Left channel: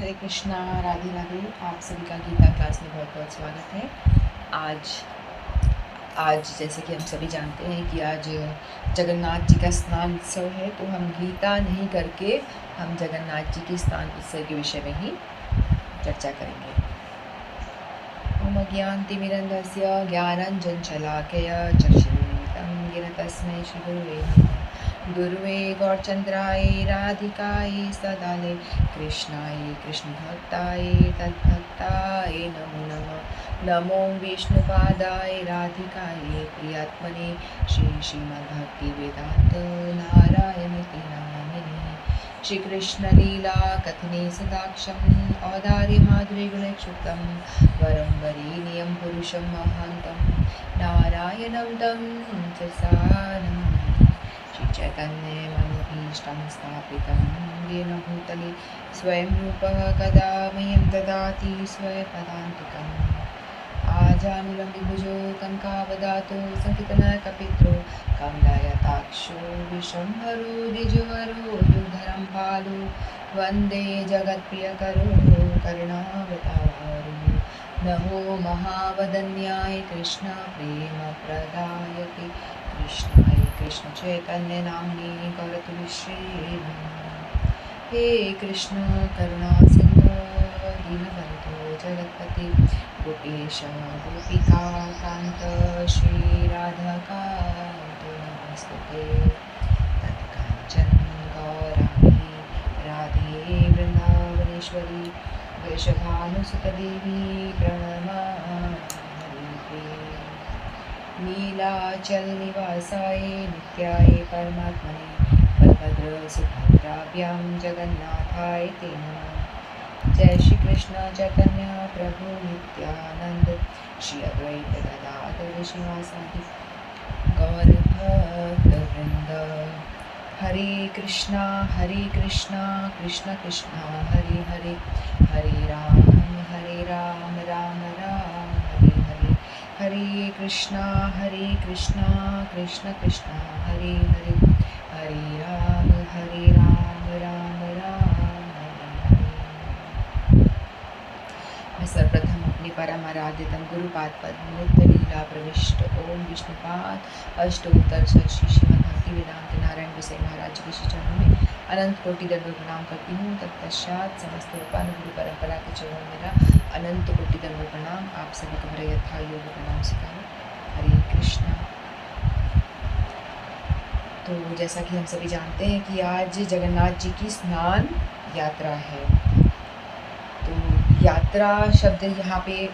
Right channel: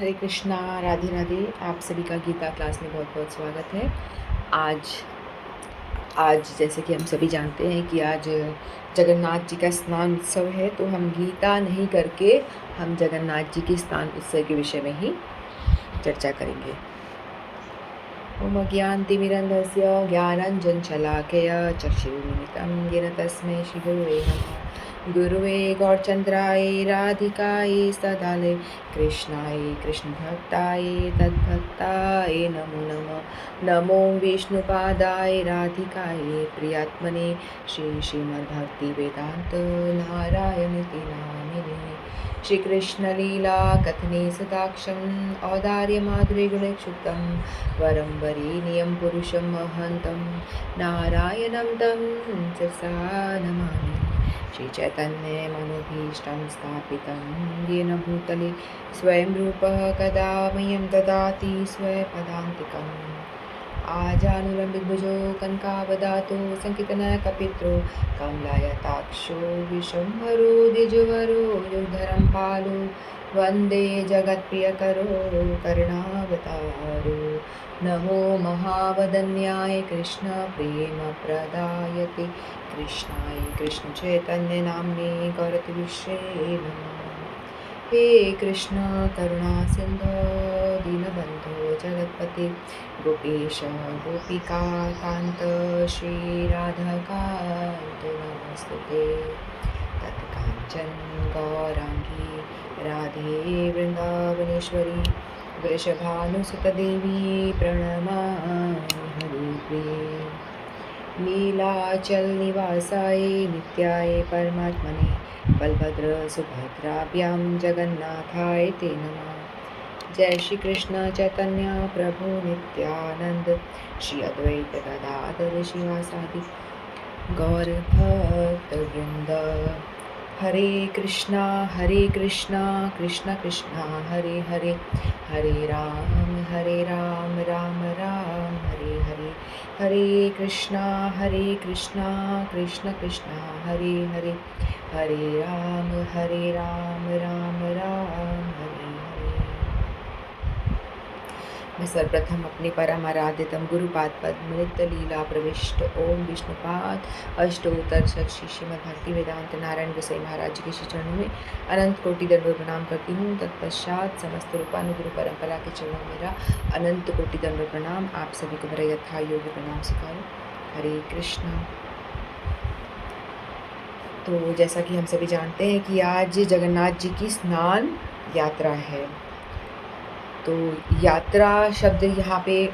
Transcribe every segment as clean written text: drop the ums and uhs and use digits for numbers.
हरे कृष्णा, राधे राधे। आप सभी का गीता क्लास में बहुत बहुत स्वागत है। आज आज जैसे कि हम सभी जानते हैं कि आज जगन्नाथ जी का स्नान उत्सव है, तो हम गीता नहीं करके हम जगन्नाथ जी के स्नान उत्सव के विषय में ही चर्चा करेंगे। ओम ज्ञानतिमिरन्धस्य ज्ञानाञ्जनशलाकया चक्षुरुन्मिलितं येन तस्मै श्रीगुरवे नमः। गुरुवे गौरचन्द्राय राधिकाय सदाले कृष्णाय कृष्णभक्ताय तद्भक्ताय नमो नमः। नमो विष्णुपादाय राधिकाय प्रियात्मने श्रीमद्भक्तिवेदान्त नारायणति नामिने। श्रीकृष्णलीला कथने सदाक्षम् औदार्यमाधुर्यगुणक्षुब्धं वरं वरेण्यं पुरुषं महन्तं नारायणं तं शिरसा नमामि। श्रीचैतन्यमनोभीष्टं स्थापितं येन भूतले स्वयं रूपः कदा मह्यं ददाति स्वपदान्तिकम्। आजानुलम्बितभुजो कनकावदातो सङ्कीर्तनकपित्रो कमलायताक्षो विश्वम्भरो द्विजवरो युगधरं पालो वन्दे जगत्प्रियकरो करुणावतारो। नमो महावदन्याय कृष्णप्रेमप्रदायते कृष्णाय कृष्णचैतन्यनाम्ने गौरतुष्ये नमः। हे कृष्ण करुणा सिन्धो दीनबन्धो जगत्पते गोपेश गोपिकान्त श्रीराधाकान्त नमस्तुते। तत्काञ्चन गौराङ्गी राधे वृन्दावनेश्वरी वृषभानुसुतदेवी प्रणमामि हरिप्रिये। नीलाचल निवासाय नित्याय परमात्मने बलभद्र सुभद्राभ्यां जगन्नाथाय ते नमः। जय श्री कृष्ण चैतन्य प्रभु नित्यानंद श्री अद्वैत गदाधर श्रीवासादि गौर भक्तवृंद। हरे कृष्णा कृष्ण कृष्ण हरे हरे, हरे राम राम राम हरे हरे। हरे कृष्णा कृष्ण कृष्ण हरे हरे, हरे राम राम राम हरे हरे। मैं सर्वप्रथम अपने परम आराध्यतम गुरुपाद पद्मोक्त लीला प्रविष्ट ओम विष्णुपाद अष्टोत्तर श्री श्रीमद् भक्ति वेदांत नारायण गोसाई महाराज जी के श्री चरणों में अनंत कोटि दंडों प्रणाम करती हूँ। तत्पश्चात समस्त रूपानुगुरु परंपरा के चरणों में मेरा अनंत कोटि दंडों प्रणाम। आप सभी को मेरा यथा योग प्रणाम सिखाओ। हरे कृष्ण। तो जैसा कि हम सभी जानते हैं कि आज जगन्नाथ जी की स्नान यात्रा है। तो यात्रा शब्द यहाँ पे,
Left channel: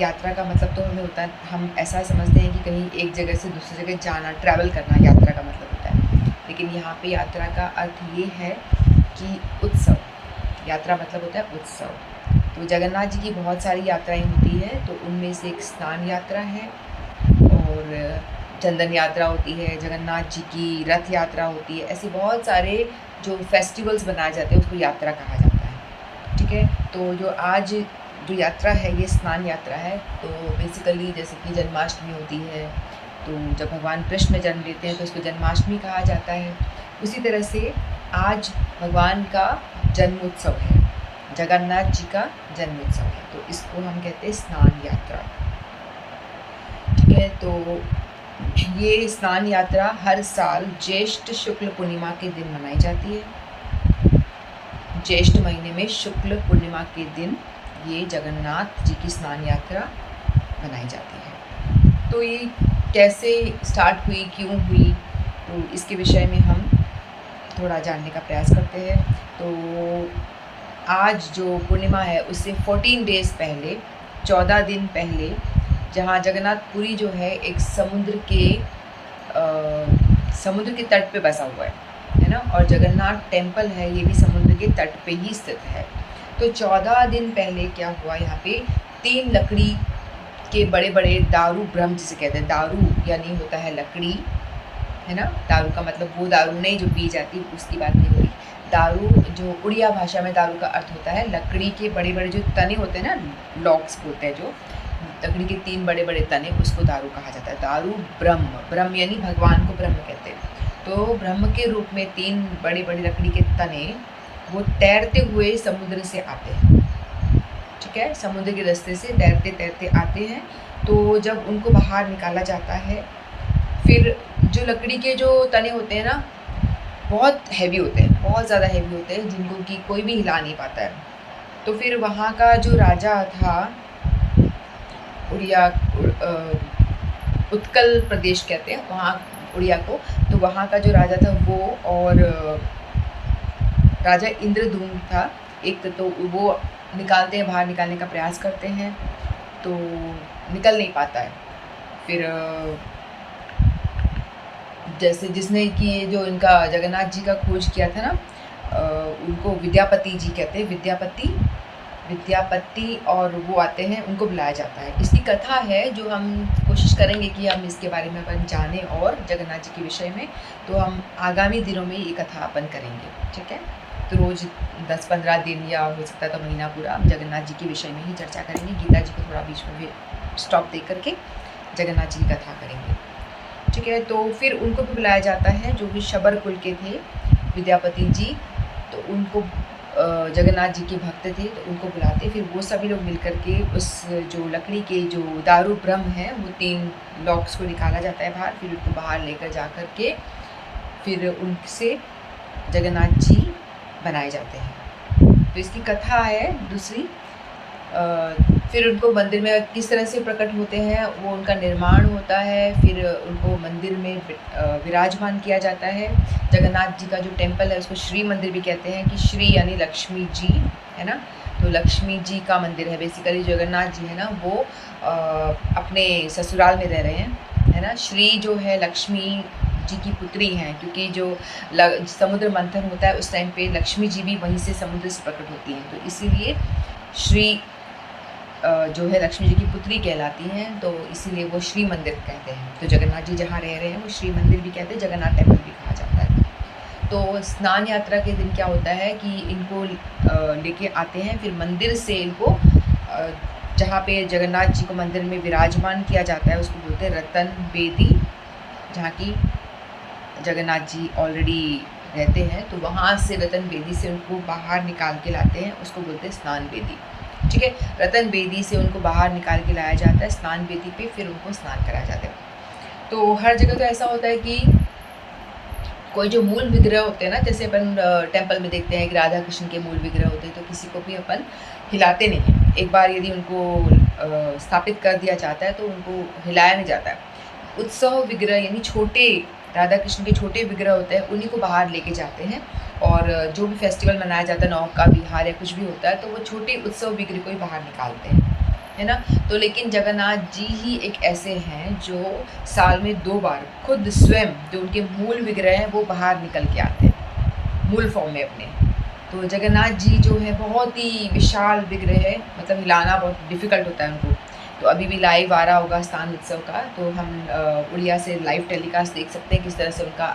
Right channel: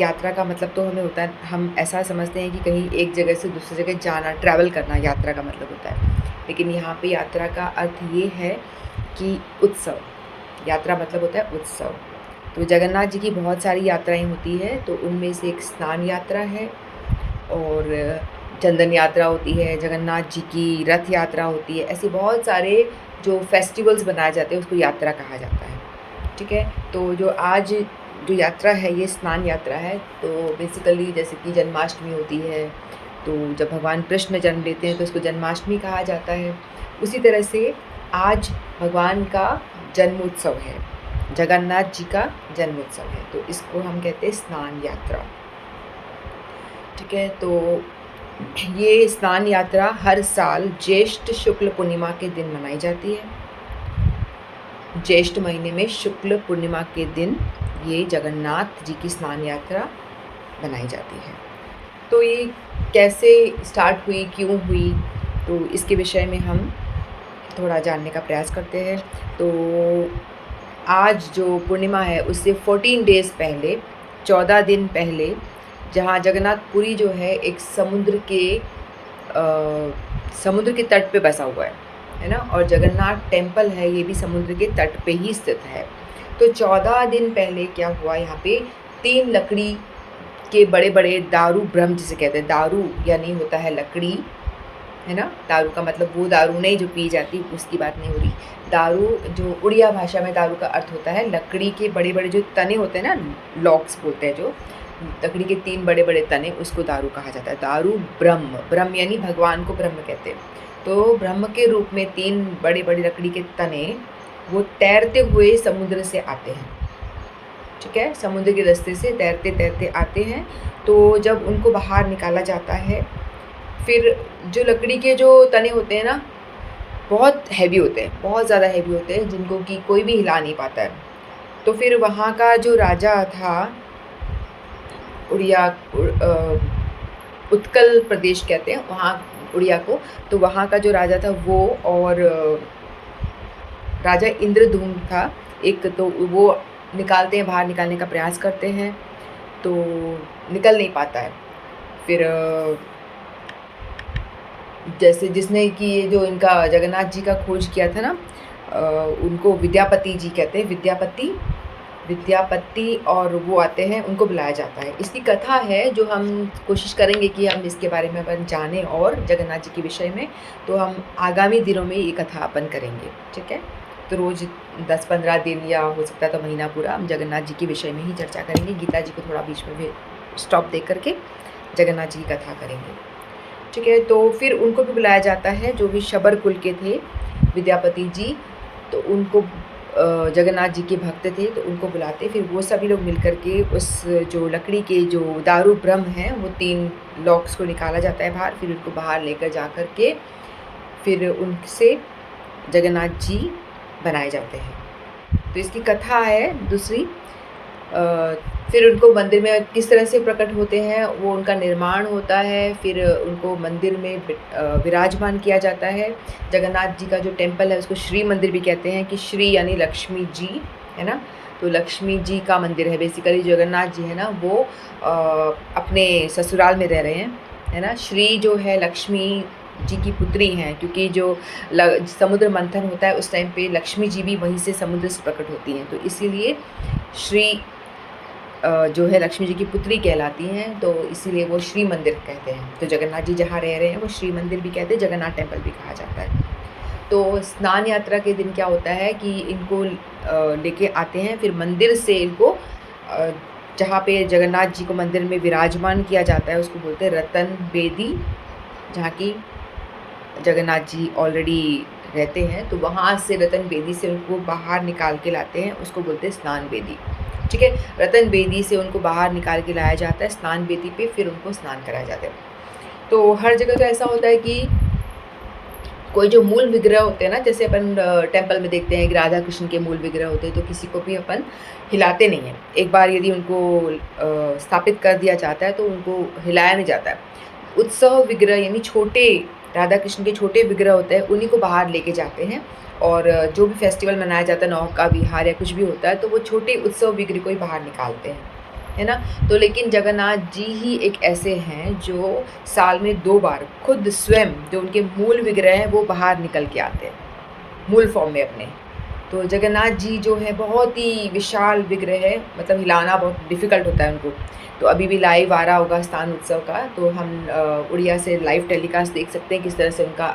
यात्रा का मतलब तो हमें होता है, हम ऐसा समझते हैं कि कहीं एक जगह से दूसरी जगह जाना, ट्रैवल करना यात्रा का मतलब होता है। लेकिन यहाँ पे यात्रा का अर्थ ये है कि उत्सव। यात्रा मतलब होता है उत्सव। तो जगन्नाथ जी की बहुत सारी यात्राएं होती है, तो उनमें से एक स्नान यात्रा है और चंदन यात्रा होती है, जगन्नाथ जी की रथ यात्रा होती है। ऐसे बहुत सारे जो फेस्टिवल्स बनाए जाते हैं उसको यात्रा कहा जाता है। ठीक है, तो जो आज जो यात्रा है ये स्नान यात्रा है। तो बेसिकली जैसे कि जन्माष्टमी होती है, तो जब भगवान कृष्ण जन्म लेते हैं तो उसको जन्माष्टमी कहा जाता है। उसी तरह से आज भगवान का जन्म उत्सव है, जगन्नाथ जी का जन्म उत्सव है, तो इसको हम कहते हैं स्नान यात्रा। ठीक है, तो ये स्नान यात्रा हर साल ज्येष्ठ शुक्ल पूर्णिमा के दिन मनाई जाती है। ज्येष्ठ महीने में शुक्ल पूर्णिमा के दिन ये जगन्नाथ जी की स्नान यात्रा बनाई जाती है। तो ये कैसे स्टार्ट हुई, क्यों हुई, तो इसके विषय में हम थोड़ा जानने का प्रयास करते हैं। तो आज जो पूर्णिमा है उससे 14 डेज़ पहले, 14 दिन पहले, जहाँ जगन्नाथपुरी जो है एक समुद्र के तट पे बसा हुआ है ना, और जगन्नाथ टेम्पल है ये भी समुद्र के तट पे ही स्थित है। तो 14 दिन पहले क्या हुआ, यहाँ पे 3 लकड़ी के बड़े बड़े दारू ब्रह्म जिसे कहते हैं, दारू यानी होता है लकड़ी, है ना। दारू का मतलब वो दारू नहीं जो पी जाती, उसकी बात नहीं हो रही। दारू जो उड़िया भाषा में दारू का अर्थ होता है लकड़ी के बड़े बड़े जो तने होते हैं ना, लॉक्स बोलते हैं, जो लकड़ी के 3 बड़े बड़े तने, उसको दारू कहा जाता है। दारू ब्रह्म यानी भगवान को ब्रह्म कहते हैं। तो ब्रह्म के रूप में 3 बड़े बड़े लकड़ी के तने वो तैरते हुए समुद्र से आते हैं, ठीक है? समुद्र के रास्ते से तैरते-तैरते आते हैं, तो जब उनको बाहर निकाला जाता है, फिर जो लकड़ी के जो तने होते हैं ना, बहुत हेवी होते हैं, बहुत ज़्यादा हेवी होते हैं, जिनको कि कोई भी हिला नहीं पाता है। तो फिर वहाँ का जो राजा था, उड़िया उत्कल प्रदेश कहते हैं वहाँ उड़िया को, तो वहाँ का जो राजा था वो और राजा इंद्रद्युम्न था एक, तो वो निकालते हैं, बाहर निकालने का प्रयास करते हैं, तो निकल नहीं पाता है। फिर जैसे जिसने कि ये जो इनका जगन्नाथ जी का खोज किया था ना, उनको विद्यापति जी कहते हैं, विद्यापति और वो आते हैं, उनको बुलाया जाता है। इसकी कथा है जो हम कोशिश करेंगे कि हम इसके बारे में अपन जानें और जगन्नाथ जी के विषय में, तो हम आगामी दिनों में ये कथा अपन करेंगे, ठीक है? तो रोज़ 10-15 दिन या हो सकता है तो महीना पूरा हम जगन्नाथ जी के विषय में ही चर्चा करेंगे। गीता जी को थोड़ा बीच में भी स्टॉप दे करके जगन्नाथ जी की कथा करेंगे, ठीक है? तो फिर उनको भी बुलाया जाता है, जो भी शबर कुल के थे विद्यापति जी, तो उनको जगन्नाथ जी के भक्त थे, तो उनको बुलाते। फिर वो सभी लोग मिलकर के उस जो लकड़ी के जो दारू ब्रह्म है, वो 3 लॉक्स को निकाला जाता है बाहर, फिर उनको बाहर लेकर जा कर के फिर उनसे जगन्नाथ जी बनाए जाते हैं। तो इसकी कथा है दूसरी। फिर उनको मंदिर में किस तरह से प्रकट होते हैं, वो उनका निर्माण होता है, फिर उनको मंदिर में विराजमान किया जाता है। जगन्नाथ जी का जो टेम्पल है उसको श्री मंदिर भी कहते हैं, कि श्री यानी लक्ष्मी जी, है ना? तो लक्ष्मी जी का मंदिर है बेसिकली। जगन्नाथ जी है ना, वो अपने ससुराल में रह रहे हैं, है ना? श्री जो है लक्ष्मी जी की पुत्री हैं, क्योंकि जो समुद्र मंथन होता है उस टाइम पे लक्ष्मी जी भी वहीं से समुद्र से प्रकट होती हैं, तो इसीलिए श्री जो है लक्ष्मी जी की पुत्री कहलाती हैं, तो इसीलिए वो श्री मंदिर कहते हैं। तो जगन्नाथ जी जहाँ रह रहे हैं वो श्री मंदिर भी कहते हैं, जगन्नाथ टेम्पल भी कहा जाता है। तो स्नान यात्रा के दिन क्या होता है कि इनको लेके आते हैं, फिर मंदिर से इनको जहाँ पे जगन्नाथ जी को मंदिर में विराजमान किया जाता है उसको बोलते हैं रतन बेदी, जहाँ की जगन्नाथ जी ऑलरेडी रहते हैं, तो वहाँ से रतन बेदी से उनको बाहर निकाल के लाते हैं, उसको बोलते हैं स्नान बेदी, ठीक है? रतन बेदी से उनको बाहर निकाल के लाया जाता है स्नान बेदी पे, फिर उनको स्नान कराया जाता है। तो हर जगह का ऐसा होता है कि कोई जो मूल विग्रह होते हैं ना, जैसे अपन टेम्पल में देखते हैं कि राधा कृष्ण के मूल विग्रह होते हैं, तो किसी को भी अपन हिलाते नहीं हैं। एक बार यदि उनको स्थापित कर दिया जाता है तो उनको हिलाया नहीं जाता है। उत्सव विग्रह यानी छोटे राधा कृष्ण के छोटे विग्रह होते हैं, उन्हीं को बाहर लेके जाते हैं, और जो भी फेस्टिवल मनाया जाता है, नौका विहार या कुछ भी होता है, तो वो छोटे उत्सव विग्रह को ही बाहर निकालते हैं, है ना? तो लेकिन जगन्नाथ जी ही एक ऐसे हैं जो साल में 2 बार खुद स्वयं जो उनके मूल विग्रह हैं वो बाहर निकल के आते हैं, मूल फॉर्म में अपने। तो जगन्नाथ जी जो है बहुत ही विशाल विग्रह है, मतलब हिलाना बहुत डिफ़िकल्ट होता है उनको। तो अभी भी लाइव आ रहा होगा स्थान उत्सव का, तो हम उड़िया से लाइव टेलीकास्ट देख सकते हैं किस तरह से उनका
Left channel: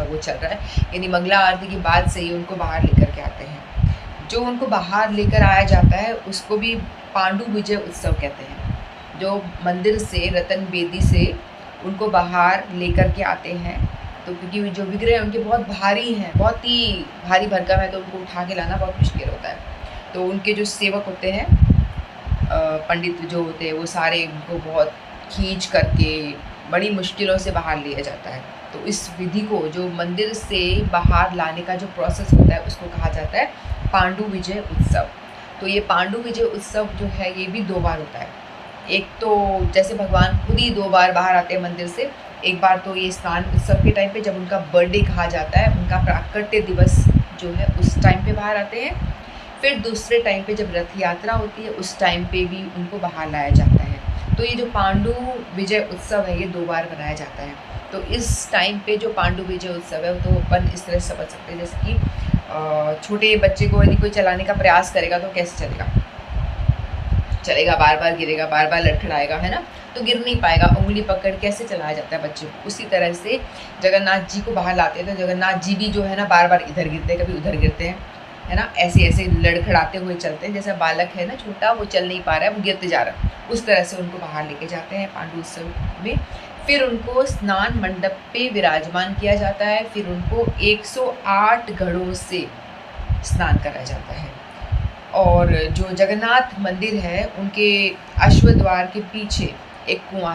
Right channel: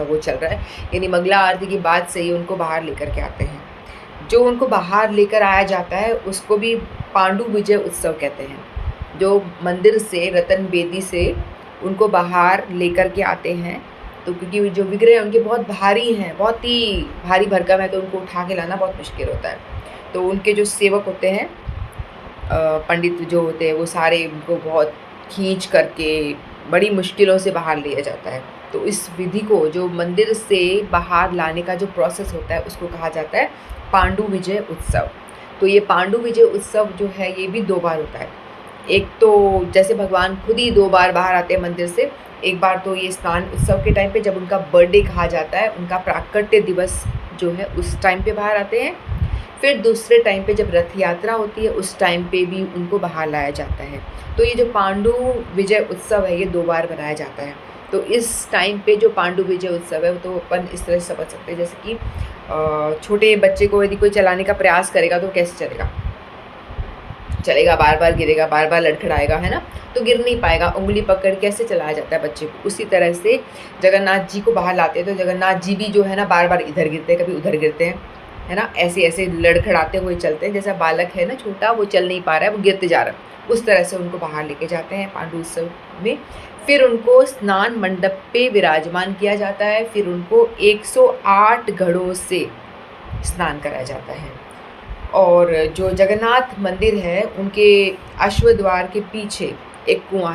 वो चल रहा है। यानी मंगला आरती के बाद से ही उनको बाहर लेकर के आते हैं। जो उनको बाहर लेकर आया जाता है उसको भी पांडु विजय उत्सव कहते हैं। जो मंदिर से रतन बेदी से उनको बाहर लेकर के आते हैं, तो क्योंकि जो विग्रह उनके बहुत भारी हैं, बहुत ही भारी भरकम है, तो उनको उठा के लाना बहुत मुश्किल होता है। तो उनके जो सेवक होते हैं, पंडित जो होते हैं, वो सारे उनको बहुत खींच करके बड़ी मुश्किलों से बाहर लिया जाता है। तो इस विधि को, जो मंदिर से बाहर लाने का जो प्रोसेस होता है, उसको कहा जाता है पांडु विजय उत्सव। तो ये पांडु विजय उत्सव जो है ये भी 2 बार होता है। एक तो जैसे भगवान खुद ही 2 बार बाहर आते हैं मंदिर से। एक बार तो ये स्नान उत्सव के टाइम पे, जब उनका बर्थडे कहा जाता है, उनका प्राकट्य दिवस जो है उस टाइम पे बाहर आते हैं। फिर दूसरे टाइम पे जब रथ यात्रा होती है उस टाइम पे भी उनको बाहर लाया जाता है। तो ये जो पांडु विजय उत्सव है ये 2 बार मनाया जाता है। तो इस टाइम पे जो पांडु विजय उत्सव है, तो अपन इस तरह से समझ सकते हैं, जैसे कि छोटे बच्चे को यदि कोई चलाने का प्रयास करेगा तो कैसे चलेगा, बार बार गिरेगा, बार बार लड़खड़ाएगा, है ना? तो गिर नहीं पाएगा। उंगली पकड़ कैसे चलाया जाता है बच्चे को, उसी तरह से जगन्नाथ जी को बाहर लाते हैं, तो जगन्नाथ जी भी जो है ना बार बार इधर गिरते हैं, कभी उधर गिरते हैं, है ना? ऐसे ऐसे लड़खड़ाते हुए चलते हैं, जैसा बालक है ना छोटा, वो चल नहीं पा रहा है, वो गिरते जा रहा है, उस तरह से उनको बाहर लेके जाते हैं पांडु उत्सव में। फिर उनको स्नान मंडप पे विराजमान किया जाता है। फिर उनको 108 घड़ों से स्नान कराया जाता है। और जो जगन्नाथ मंदिर है, उनके अश्व द्वार के पीछे एक कुआँ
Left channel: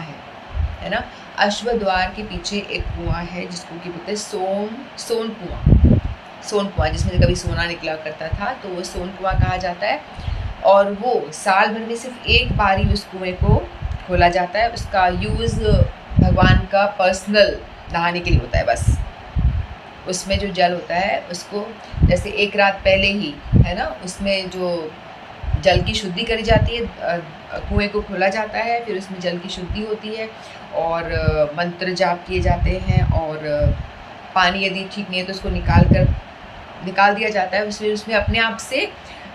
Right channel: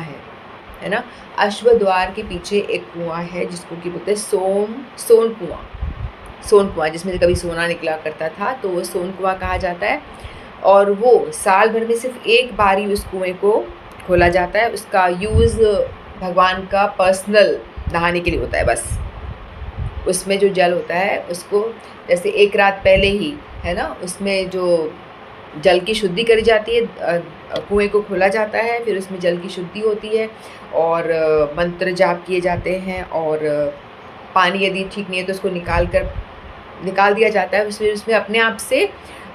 है ना? अश्व द्वार के पीछे एक कुआँ है जिसको कि बोलते हैं सोन कुआँ जिसमें से कभी सोना निकला करता था, तो वो सोन कुआँ कहा जाता है। और वो साल भर में सिर्फ़ एक बार ही उस कुएँ को खोला जाता है। उसका यूज़ भगवान का पर्सनल नहाने के लिए होता है बस। उसमें जो जल होता है उसको जैसे एक रात पहले ही, है ना, उसमें जो जल की शुद्धि करी जाती है, कुएँ को खोला जाता है, फिर उसमें जल की शुद्धि होती है और मंत्र जाप किए जाते हैं और पानी यदि ठीक नहीं है तो उसको निकाल दिया जाता है। उसमें उसमें अपने आप से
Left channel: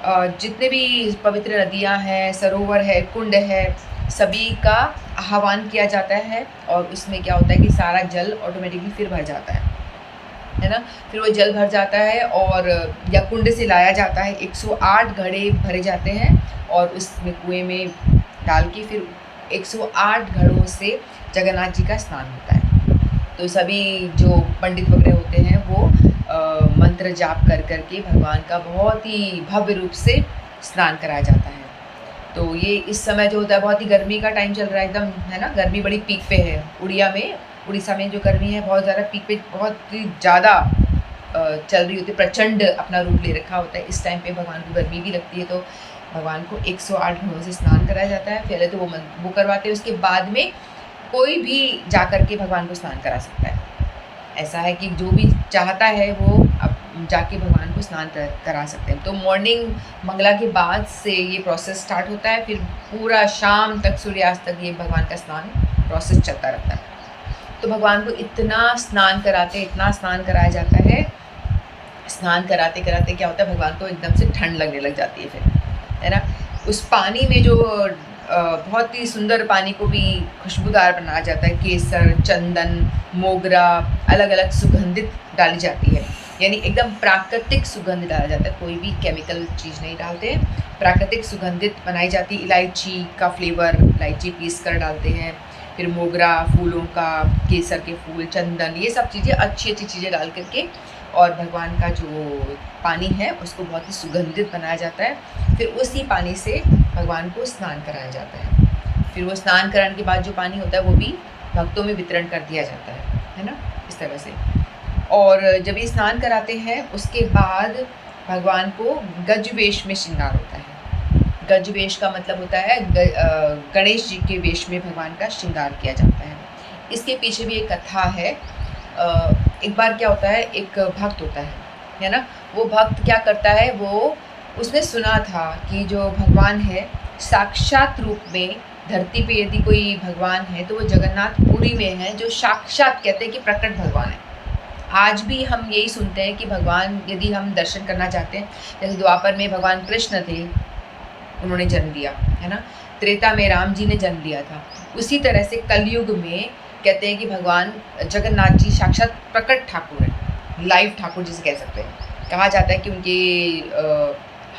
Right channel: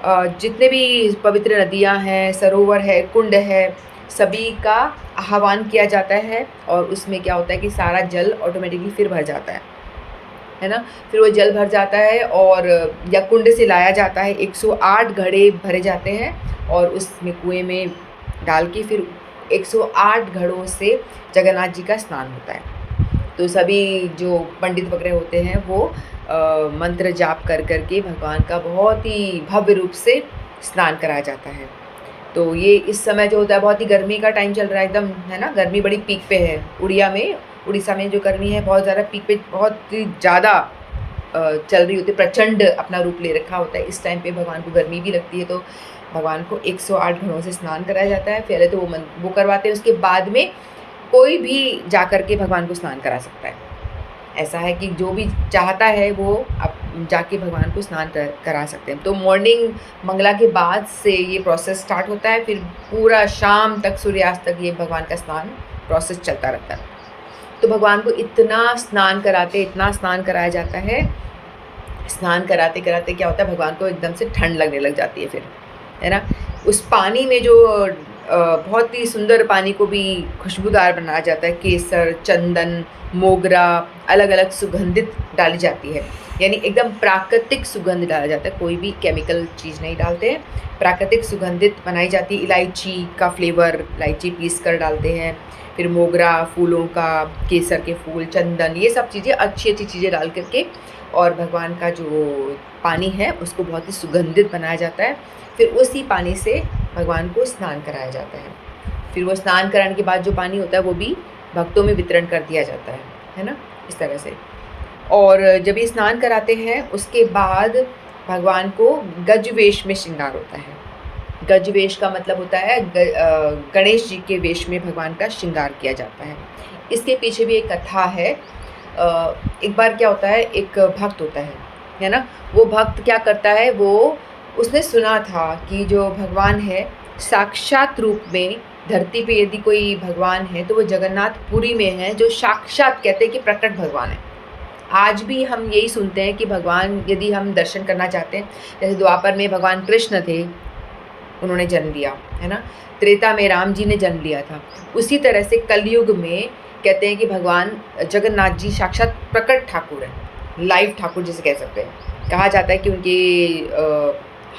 जितने भी पवित्र नदियाँ हैं, सरोवर है, कुंड है, सभी का आह्वान किया जाता है और उसमें क्या होता है कि सारा जल ऑटोमेटिकली फिर भर जाता है ना? फिर वो जल भर जाता है और या कुंड से लाया जाता है, 108 घड़े भरे जाते हैं और उसमें कुएँ में डाल के फिर 108 घड़ों से जगन्नाथ जी का स्नान होता है। तो सभी जो पंडित वगैरह होते हैं वो मंत्र जाप कर के भगवान का बहुत ही भव्य रूप से स्नान कराया जाता है। तो ये इस समय जो होता है बहुत ही गर्मी का टाइम चल रहा है एकदम, है ना? गर्मी बड़ी पीक पे है। उड़ीसा में जो गर्मी है बहुत ज़्यादा पीक पे, बहुत ही ज़्यादा चल रही होती है, प्रचंड अपना रूप ले रखा होता है। इस टाइम पे भगवान को गर्मी भी लगती है, तो भगवान को 108 घड़ों से स्नान कराया जाता है। पहले तो वो करवाते हैं, उसके बाद में कोई भी जाकर के भगवान को स्नान करा सकता है। ऐसा है कि जो भी चाहता है वो अब जाके भगवान को स्नान करा सकते हैं। तो मॉर्निंग मंगला के बाद से ये प्रोसेस स्टार्ट होता है, फिर पूरा शाम तक, सूर्यास्त तक ये भगवान का स्नान प्रोसेस चलता रहता है। तो भगवान को इतना स्नान कराया जाता है। स्नान कराते-कराते क्या होता है, भगवान को एकदम से ठंड लगने लग जाती है फिर, है ना? उस पानी में जो बहुत ही सुंदर पानी को भी खुशबूदार बनाया जाता है। केसर, चंदन, मोगरा, अलग-अलग सुगंधित डाली जाती है। यानी एकदम प्राकृतिक सुगंध डाला जाता है, कोई भी केमिकल चीज़ नहीं डालते हैं। प्राकृतिक सुगंधित बनाई जाती है, इलायची का फ्लेवर, इलायची पीस कर डालते हैं, फिर मोगरा फूलों का, केसर के फूल, चंदन, ये सब चीज़ें अच्छी-अच्छी चीज़ें डाल कर के और भगवान का जो पानी है उसको बहुत ही सुगंधित बनाया जाता है। फिर उसी पानी से भगवान को स्नान कराया जाता है। फिर वो स्नान कराने के बाद जो पानी होता है वो भी भक्तों में वितरण कर दिया जाता है ना? इस तरह से। और जब ये स्नान कराते हैं उसके बाद भगवान को गज वेश में श्रृंगार होता है। गज वेश का मतलब होता है गणेश जी के वेश में भगवान का श्रृंगार किया जाता है। इसके पीछे भी एक कथा है। एक बार क्या होता है, एक भक्त होता है ना? वो भक्त क्या करता है, वो उसने सुना था कि जो भगवान है साक्षात रूप में धरती पे यदि कोई भगवान है तो वो जगन्नाथपुरी में है, जो साक्षात कहते हैं कि प्रकट भगवान है। आज भी हम यही सुनते हैं कि भगवान यदि हम दर्शन करना चाहते हैं, जैसे द्वापर में भगवान कृष्ण थे, उन्होंने जन्म लिया, है ना? त्रेता में राम जी ने जन्म लिया था। उसी तरह से कलयुग में कहते हैं कि भगवान जगन्नाथ जी साक्षात प्रकट ठाकुर हैं, लाइव ठाकुर जिसे कह सकते हैं। कहा जाता है कि उनके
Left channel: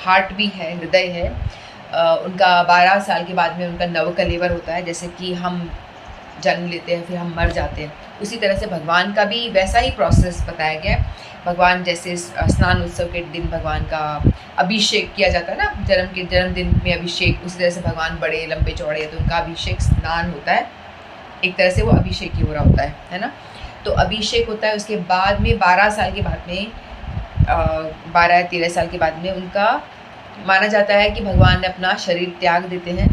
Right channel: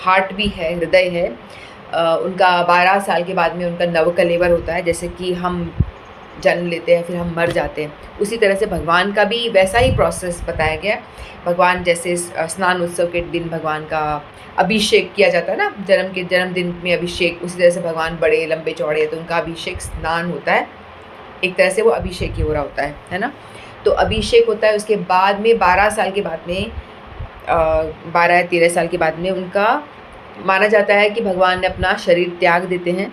हार्ट भी है, हृदय है। उनका 12 साल के बाद में उनका नवकलेवर होता है, जैसे कि हम जन्म लेते हैं फिर हम मर जाते हैं, उसी तरह से भगवान का भी वैसा ही प्रोसेस बताया गया है। भगवान जैसे स्नान उत्सव के दिन भगवान का अभिषेक किया जाता है ना, जन्मदिन में अभिषेक, उसी तरह से भगवान बड़े लंबे चौड़े हैं तो उनका अभिषेक स्नान होता है। एक तरह से वो अभिषेक ही हो रहा होता है ना? तो अभिषेक होता है, उसके बाद में 12 साल के बाद में 12 या 13 साल के बाद में उनका माना जाता है कि भगवान ने अपना शरीर त्याग देते हैं,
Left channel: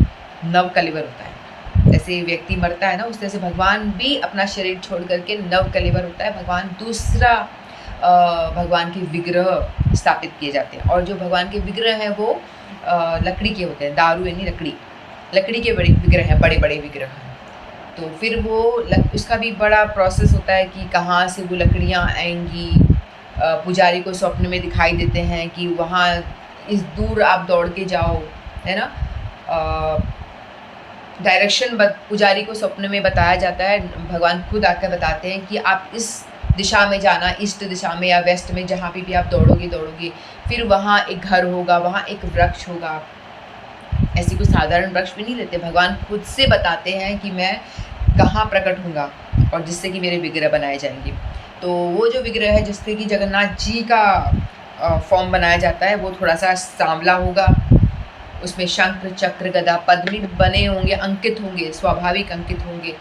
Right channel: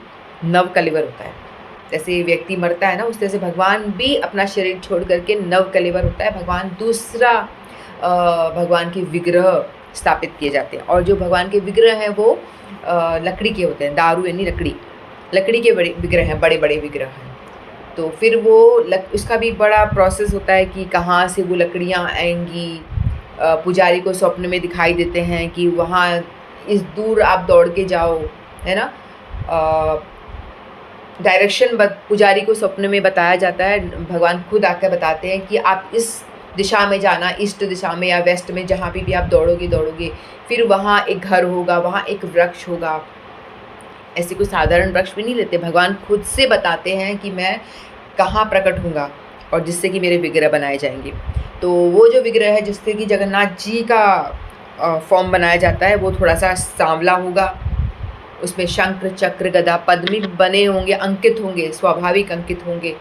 नवकलेवर होता है। जैसे व्यक्ति मरता है ना, उस तरह से भगवान भी अपना शरीर छोड़ करके नवकलेवर होता है। भगवान दूसरा भगवान के विग्रह स्थापित किए जाते हैं और जो भगवान के विग्रह हैं वो लकड़ी के होते हैं, दारू यानी लकड़ी के बड़े विग्रह हैं, बड़े-बड़े विग्रह हैं। तो फिर वो उसका भी बड़ा प्रोसेस होता है कि कहाँ से वो लकड़ियाँ आएँगी। पुजारी को स्वप्न में दिखाई देते हैं कि वहाँ इस दूर आप दौड़ के जाओ, है ना? डायरेक्शन पुजारी को स्वप्न में बताया जाता है, भगवान खुद आकर बताते हैं कि आप इस दिशा में जाना, ईस्ट दिशा में या वेस्ट में, जहाँ पे भी आप दौड़ोगे, फिर वहाँ एक घर होगा, वहाँ एक वृक्ष होगा। ऐसे कोई साधारण वृक्ष भी नहीं लेते, भगवान खुद से बताते हैं कि मैं कहाँ प्रकट होऊँगा और जिससे कि मेरे विग्रह बनाए जाएंगे। तो वो जो विग्रह है जिससे कि जगन्नाथ जी का फॉर्म बनाया जाता है वो थोड़ा-सा सांवला होगा, उसमें शंख, चक्र, गदा, पद्म बने होंगे, अंकित होंगे, स्वाभाविक अंकित होंगे,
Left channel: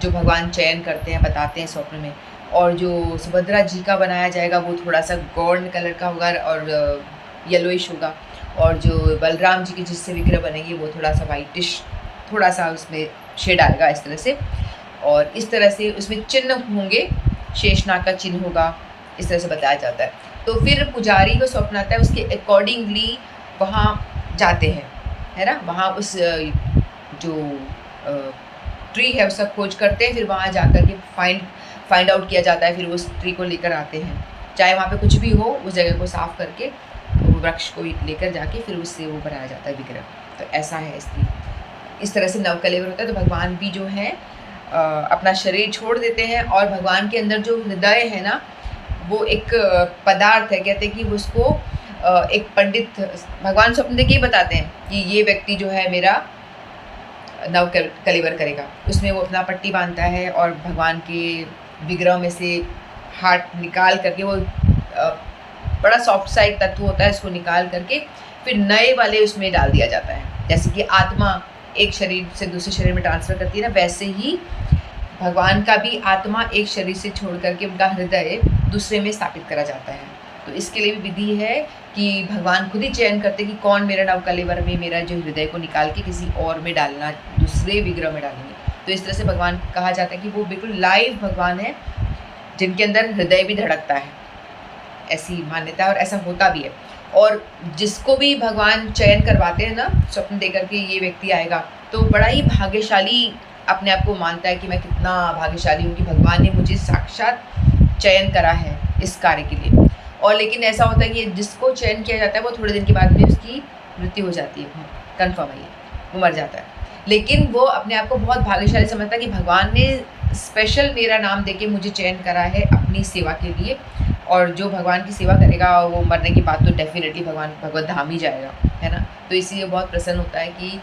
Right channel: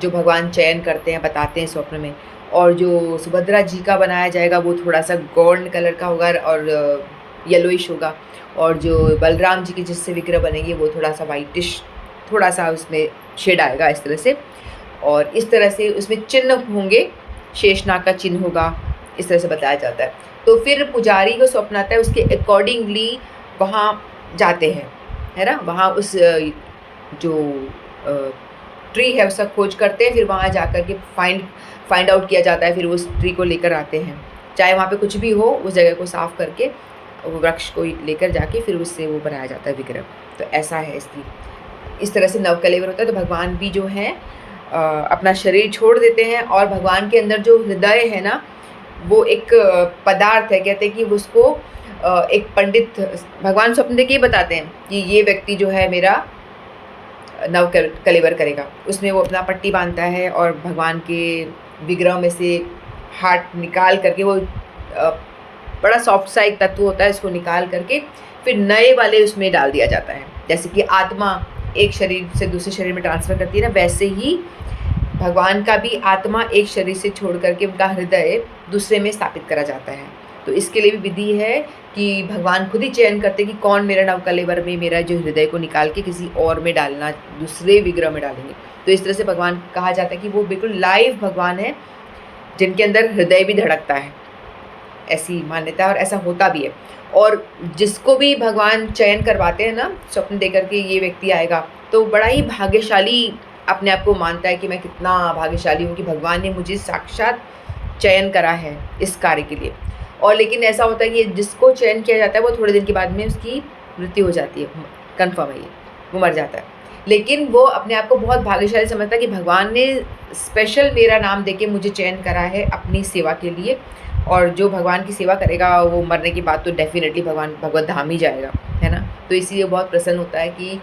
जो भगवान चयन करते हैं, बताते हैं स्वप्न में। और जो सुभद्रा जी का बनाया जाएगा वो थोड़ा-सा गोल्ड कलर का होगा और येलोइश होगा, और जो बलराम जी की जिससे विग्रह बनेगी वो थोड़ा-सा व्हाइटिश, थोड़ा-सा उसमें शेड आएगा इस तरह से। और इस तरह से उसमें चिन्ह होंगे, शेषनाग का चिन्ह होगा, इस तरह से बताया जाता है। तो फिर पुजारी को स्वप्न आता है, उसके अकॉर्डिंगली वहाँ जाते हैं, है ना? वहाँ उस जो ट्री है उसका खोज करते हैं, फिर वहाँ जाकर के फाइंड आउट किया जाता है, फिर उस ट्री को लेकर आते हैं। चाहे वहाँ पे कुछ भी हो, उस जगह को साफ़ करके वो वृक्ष को लेकर जाके फिर उससे वो बनाया जाता है विग्रह। तो ऐसा है इसकी, इस तरह से नवकलेवर होता है। तो भगवान भी जो हैं अपना शरीर छोड़ देते हैं, और भगवान के अंदर जो हृदय है ना, वो एक पदार्थ है, कहते हैं कि उसको एक पंडित भगवान स्वप्न देख के ही बताते हैं कि ये व्यक्ति जो है मेरा कलेवर करेगा। उसमें वो अपना पट्टी बांधता है और भगवान के विग्रह में से हार्ट निकाल करके वो बड़ा सॉफ्ट सा एक तत्व होता है, उसको निकाल करके फिर नए वाले उसमें डाल दिया जाता है। जैसे कि आत्मा एक शरीर से दूसरे शरीर में ट्रांसफ़र करती है ना, वैसे ही भगवान का भी आत्मा एक शरीर से छोड़ करके उनका हृदय दूसरे में स्थापित करा जाता है। तो इसके लिए भी विधि है कि भगवान खुद ही चयन करते हैं कि कौन मेरा नवकलेवर में मेरा जो हृदय को निकाल के किसी और में डालना, दूसरे विग्रह में डालेंगे। तो इस तरह से भगवान कहा जाता है कि वो बिल्कुल लाइव भगवान है, जिनके अंदर हृदय भी धड़कता है, ऐसी मान्यता है और ऐसा होता भी है। और जिसको भी भगवान चयन करवाते हैं ना, स्वप्न देकर के ये व्यक्ति आएगा, तो बड़ा ही भाग्यशाली अपने आप को मानता है कि मैं कितना भाग्यशाली हूँ कि भगवान ने मुझे साक्षात चयन करा है इस कार्य के लिए। और लेकिन ऐसा होता है कि जिसको चयन किया जाता है वो थोड़े दिन के बाद में उसकी मृत्यु हो जाती है, कन्फर्म है ये, वो मर जाता है। लेकिन वो अपने आप को बहुत भाग्यशाली समझता है कि भगवान ने स्पेशल मेरा नाम देके मुझे चयन करा है अपनी सेवा के लिए, और जो भगवान की सेवा करेगा वो मरने के बाद तो डेफ़िनेटली भगवत धाम ही जाएगा, है ना? तो इसीलिए बहुत प्रसन्न होता है कि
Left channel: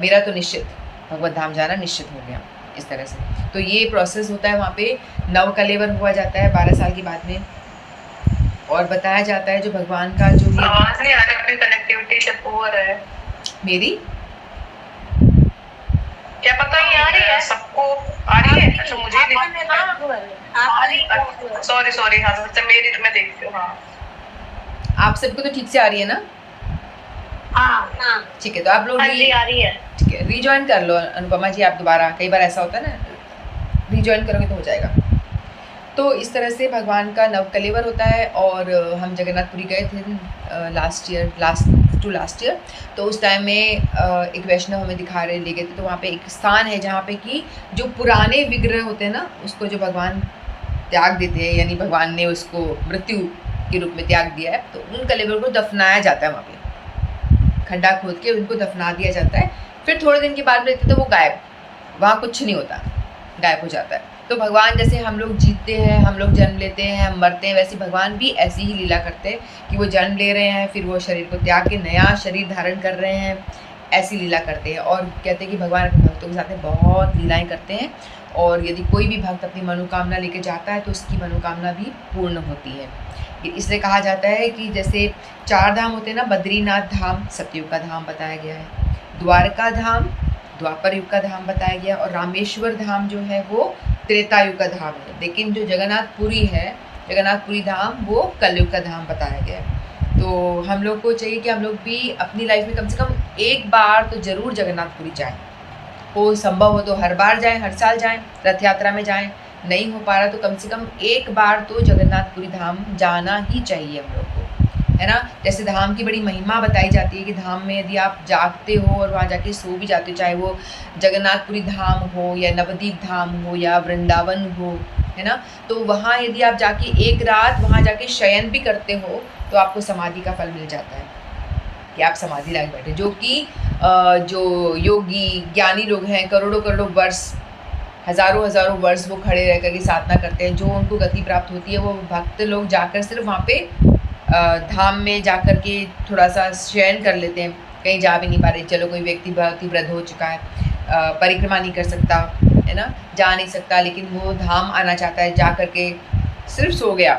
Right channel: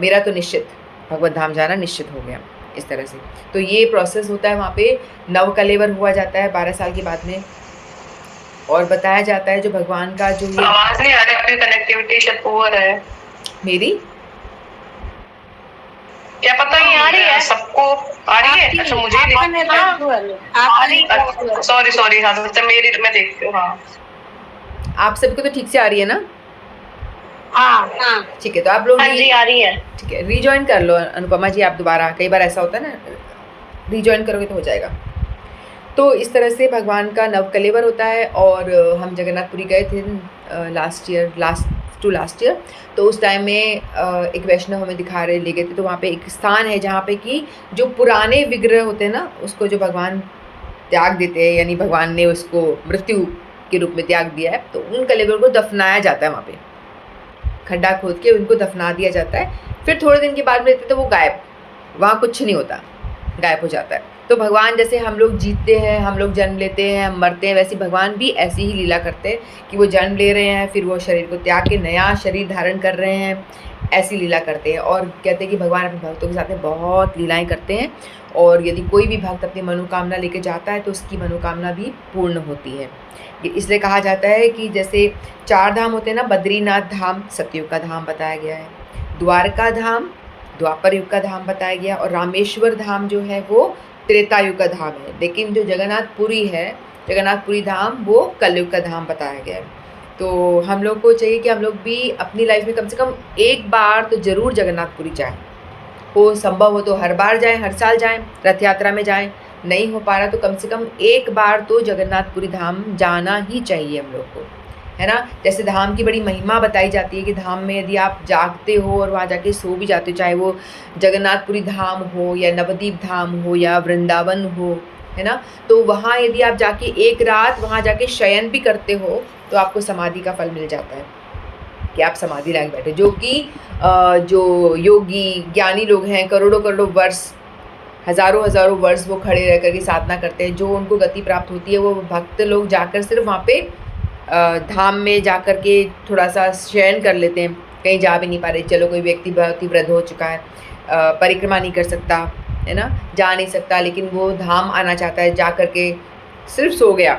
मेरा तो निश्चित भगवत धाम जाना निश्चित हो गया, इस तरह से। तो ये प्रोसेस होता है वहाँ पे, नवकलेवर हुआ जाता है 12 साल के बाद में। और बताया जाता है जो भगवान का जो ये आवाज नहीं आ रही, आपकी कनेक्टिविटी शायद पुअर है। मेरी क्या पता नहीं आ रही है सबको, आ रही है? अच्छा मुझे सॉरी हाँ, अच्छा मेरी मैं देखती हूँ। हाँ आप सबको तो ठीक से आ रही है ना? हाँ ठीक है, तो आप लोग हाँ जी आ रही है। ठीक है, रीजॉइन कर लो अनुपमा जी आप दोबारा, कई बार ऐसा होता है ना, रीजॉइन करोगे तो हो जाएगा। तो इस तरह से भगवान का नवकलेवर होता है। और हम जगन्नाथपुरी गए थे लास्ट ईयर, तो उस टाइम में एक वैष्णव हमें दिखा रहे ले गए थे, तो वहाँ पे एक स्थान है जहाँ पे कि जो पुराने विग्रह होते हैं ना, उसको जो भगवान त्याग देते हैं, यानी भगवान ने उसको मृत्यु के रूप में त्याग दिया है, तो उन कलेवर को दफनाया जाता है वहाँ पे, खड्डा खोद के उनको दफना दिया जाता है। फिर थोड़े दिन के बाद में तो वो गायब, वहाँ कुछ नहीं होता, गायब हो जाता है। तो भगवान जैसे हम लोग जीते हैं, हम लोग जन्म लेते हैं, हम मरते हैं, वैसे भगवान भी ऐसी ही लीला करते हैं कि वो जन्म ले रहे हैं, फिर वो शरीर को त्याग के नया शरीर धारण कर रहे हैं, ऐसी लीला करते हैं। और कहते हैं कि भगवान अपने भक्तों के साथ में बहुत लीलाएं करते हैं, और यदि कोई भी भक्त अपनी मनोकामना लेके जाता है तो उसकी मनोकामना भी पूर्ण होती है। ये इसलिए कहा जाता है कि जैसे 4 धाम होते हैं ना, बद्रीनाथ धाम सतयुग का धाम बताया गया है, द्वारका धाम द्वापर युग का धाम बताया गया, और रामेश्वर धाम जो है वो त्रेता युग का धाम है। लेकिन जो जगन्नाथपुरी है, जगन्नाथपुरी धाम वो कलयुग का धाम बताया गया है। तो हम लोग को चाहिए कि हम लोग भी अपनी लाइफ में कम से कम एक बार तो ज़रूर जगन्नाथपुरी जाएँ। हो संभव हो तो हर बार जाएँ, हर साल जाएँ, रथ यात्रा में जाएँ, नहीं हो पा रहा तो कम से कम एक बार तो जगन्नाथपुरी धाम जाना ही चाहिए हम लोग को, है ना? जैसे धाम की बड़ी महिमा बताई जाती है कि धाम में यदि आप जागते हो और वहाँ जाके सो भी जाते हो, चाहे वो जगन्नाथपुरी धाम हो या नवद्वीप धाम हो या वृंदावन हो, है ना? तो वहाँ यदि आप जाके एक रात वहाँ जाके शयन भी करते हो तो आपको समाधि का फल मिल जाता है कि आप समाधि लगा बैठे। जो कि जो योगी ज्ञानी लोग हैं, करोड़ों वर्ष, हज़ारों वर्ष वो खड़े रह कर के साधना करते हैं, जो उनको गति प्राप्त होती है, वो भक्त लोग जाकर सिर्फ वहाँ पे धाम में जाकर के थोड़ा-सा शयन कर लेते हैं, कहीं जा भी नहीं पा रहे। चलो कोई व्यक्ति बहुत ही वृद्ध हो चुका है, परिक्रमा नहीं कर सकता, है ना? जा नहीं सकता, लेकिन वो धाम आना चाहता है, जा कर के सिर्फ सो गया,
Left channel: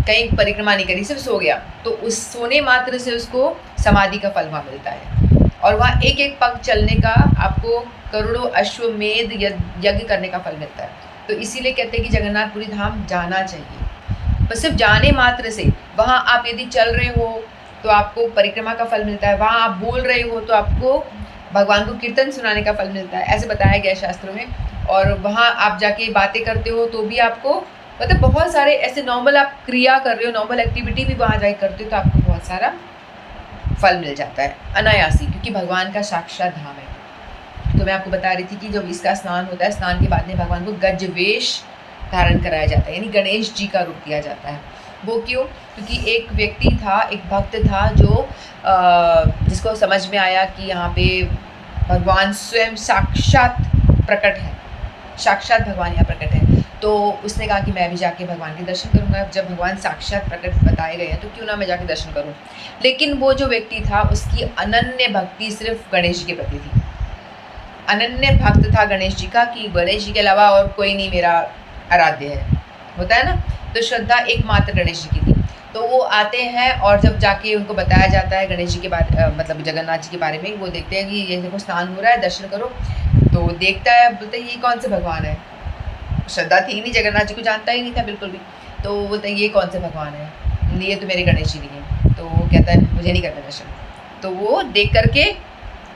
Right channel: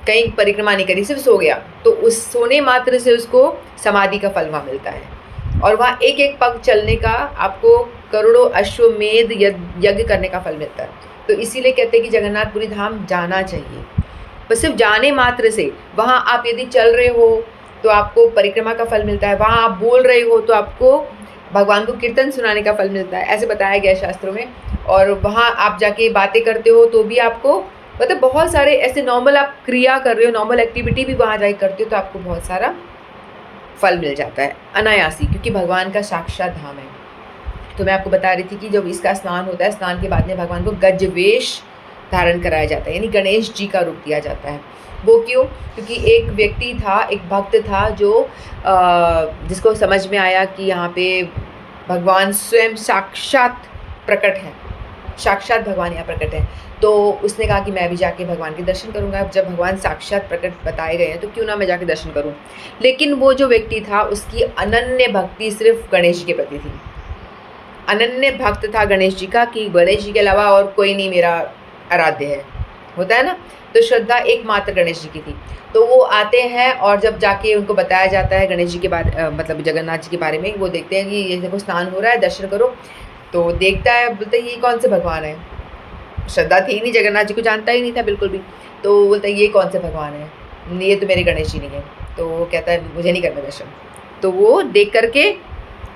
कहीं परिक्रमा नहीं करी, सिर्फ सो गया, तो उस सोने मात्र से उसको समाधि का फल वहाँ मिलता है। और वहाँ एक एक पग चलने का आपको करोड़ों अश्वमेध यज्ञ करने का फल मिलता है। तो इसीलिए कहते हैं कि जगन्नाथपुरी धाम जाना चाहिए। बस सिर्फ जाने मात्र से, वहाँ आप यदि चल रहे हो तो आपको परिक्रमा का फल मिलता है, वहाँ आप बोल रहे हो तो आपको भगवान को कीर्तन सुनाने का फल मिलता है, ऐसे बताया गया है शास्त्रों में। और वहाँ आप जाके बातें करते हो तो भी आपको मतलब बहुत सारे ऐसे नॉर्मल आप क्रिया कर रहे हो, नॉर्मल एक्टिविटी भी वहाँ जाके करते हो तो आपको बहुत सारा फल मिल जाता है अनायासी, क्योंकि भगवान का साक्षात धाम है। तो मैं आपको बता रही थी कि जब इसका स्नान होता है, स्नान के बाद में भगवान को गजवेश धारण कराया जाता है, यानी गणेश जी का रूप दिया जाता है। वो क्यों? क्योंकि एक व्यक्ति था, एक भक्त था जो जिसको समझ में आया कि यहाँ पे भगवान स्वयं साक्षात प्रकट है, साक्षात भगवान यहाँ प्रकट है। तो उसने कहा कि मैं भी जाके भगवान के दर्शन करूँगा, जब भगवान साक्षात प्रकट बताए गए हैं तो क्यों ना मैं जाके दर्शन करूँ। लेकिन वो जो व्यक्ति था उसकी अनन्य भक्ति सिर्फ गणेश जी के प्रति थी, अनन्य भक्त था गणेश जी का, कि गणेश जी के अलावा और कोई नहीं मेरा आराध्य है, होता है ना। तो श्रद्धा एकमात्र गणेश जी की थी। तो वो आते हैं और जब जाके उनको बताया जाता है गणेश जी के बारे मतलब जगन्नाथ जी के बारे में, वो देखते हैं कि ये देखो स्नान हो रहा है, दर्शन करो। तो देखता है, बोलते ये कौन से भगवान है, श्रद्धा थी ही नहीं, जगन्नाथ जी को जानता ही नहीं था बिल्कुल भी। तो वो बोलता है ये कौन से भगवान है, ये तो मेरे गणेश जी नहीं है। तो वो कहता है मुझे नहीं करना दर्शन। तो वो देख करके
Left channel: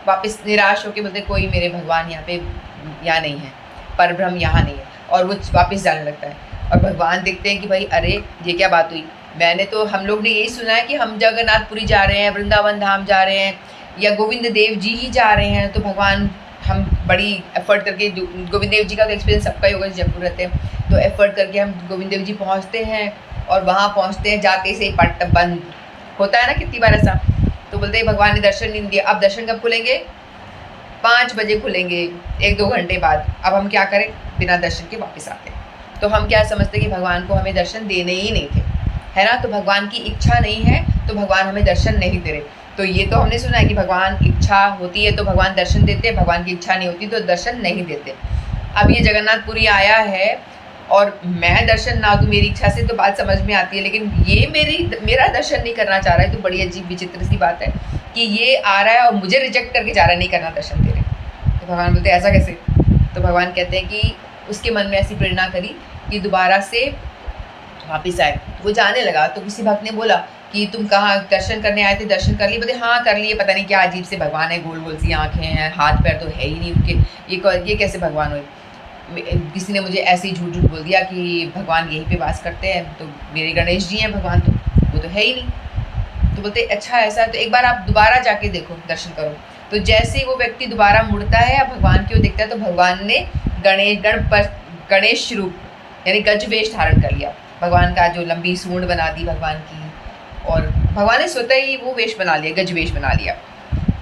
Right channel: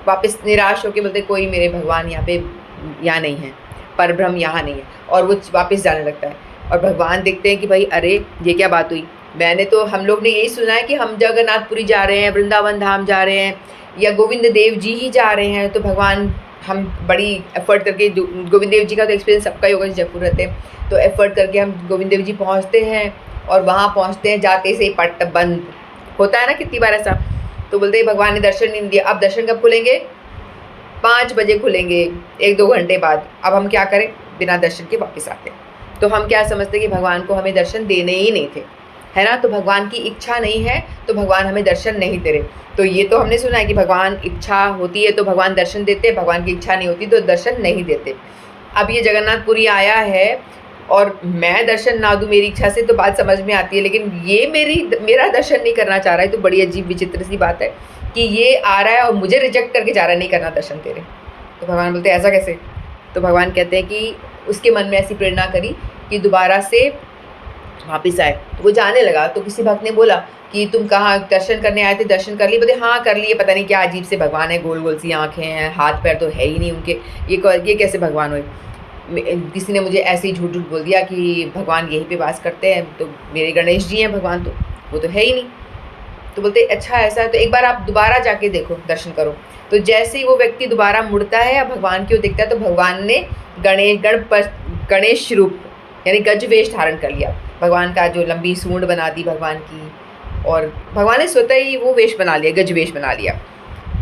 वापस निराश होकर बोलते कोई मेरे भगवान यहाँ पे यहाँ नहीं है, परब्रह्म यहाँ नहीं है, और वो वापस जाने लगता है। और भगवान देखते हैं कि भाई अरे ये क्या बात हुई, मैंने तो, हम लोग ने यही सुना है कि हम जगन्नाथपुरी जा रहे हैं, वृंदावन धाम जा रहे हैं, या गोविंद देव जी ही जा रहे हैं। तो भगवान हम बड़ी एफर्ट करके, गोविंद देव जी का तो एक्सपीरियंस सबका ही होगा, जयपुर रहते हैं, तो एफर्ट करके हम गोविंद देव जी पहुँचते हैं, और वहाँ पहुँचते हैं, जाते से पट बंद होता है ना कितनी बार ऐसा। तो बोलते हैं भगवान ने दर्शन नहीं दिया, अब दर्शन कब खुलेंगे, 5 बजे खुलेंगे, 1-2 घंटे बाद। अब हम क्या करें, बिना दर्शन के वापस आते हैं। तो हम क्या समझते कि भगवान को हमें दर्शन देने ही नहीं थे, है ना। तो भगवान की इच्छा नहीं है तो भगवान हमें दर्शन नहीं दे रहे। तो ये तो हमने सुना है कि भगवान इच्छा होती है तो भगवान दर्शन देते हैं, भगवान की इच्छा नहीं होती तो दर्शन नहीं देते। अब ये जगन्नाथपुरी आया है और मैं दर्शन ना दूँ मेरी इच्छा से, तो बात समझ में आती है, लेकिन ये मेरा दर्शन नहीं करना चाह रहा है, तो बड़ी अजीब विचित्र सी बात है कि ये आ रहा है और मुझे रिजेक्ट करके जा रहा है, नहीं करना दर्शन तेरे। तो भगवान बोलते हैं ऐसा कैसे। तो भगवान कहते हैं कि उसके मन में ऐसी प्रेरणा करी कि दोबारा से वापस आए। तो वो जाने लगा, तो किसी भक्त ने बोला कि तुम कहाँ दर्शन करने आए थे, दर्शन कर लिए। बोले हाँ कर लिए, पता नहीं क्या अजीब से भगवान है, गोल गोल सी आँखें हैं, हाथ पैर तो है ही नहीं उनके, ये कैसे भगवान हुए। किसी ने मुझे ऐसे ही झूठ झूठ बोल दिया कि भगवान यहीं पे वास करते हैं, तो मेरे गणेश जी हैं भगवान, तो वो तो है ही नहीं। तो बोलते अच्छा ऐसा है तो एक बार आप दोबारा जाके देखो, दर्शन करो। तो जैसे ही वो व्यक्ति दोबारा मुड़ता है या भगवान की ओर देखता है, तो भगवान ने गणेश रूप यानी गजवेश धारण कर लिया। भगवान का जो लंबी सूंड बना दी भगवान की, और भगवान ने स्वतः ही वो वेश बना लिया, गजवेश बना लिया।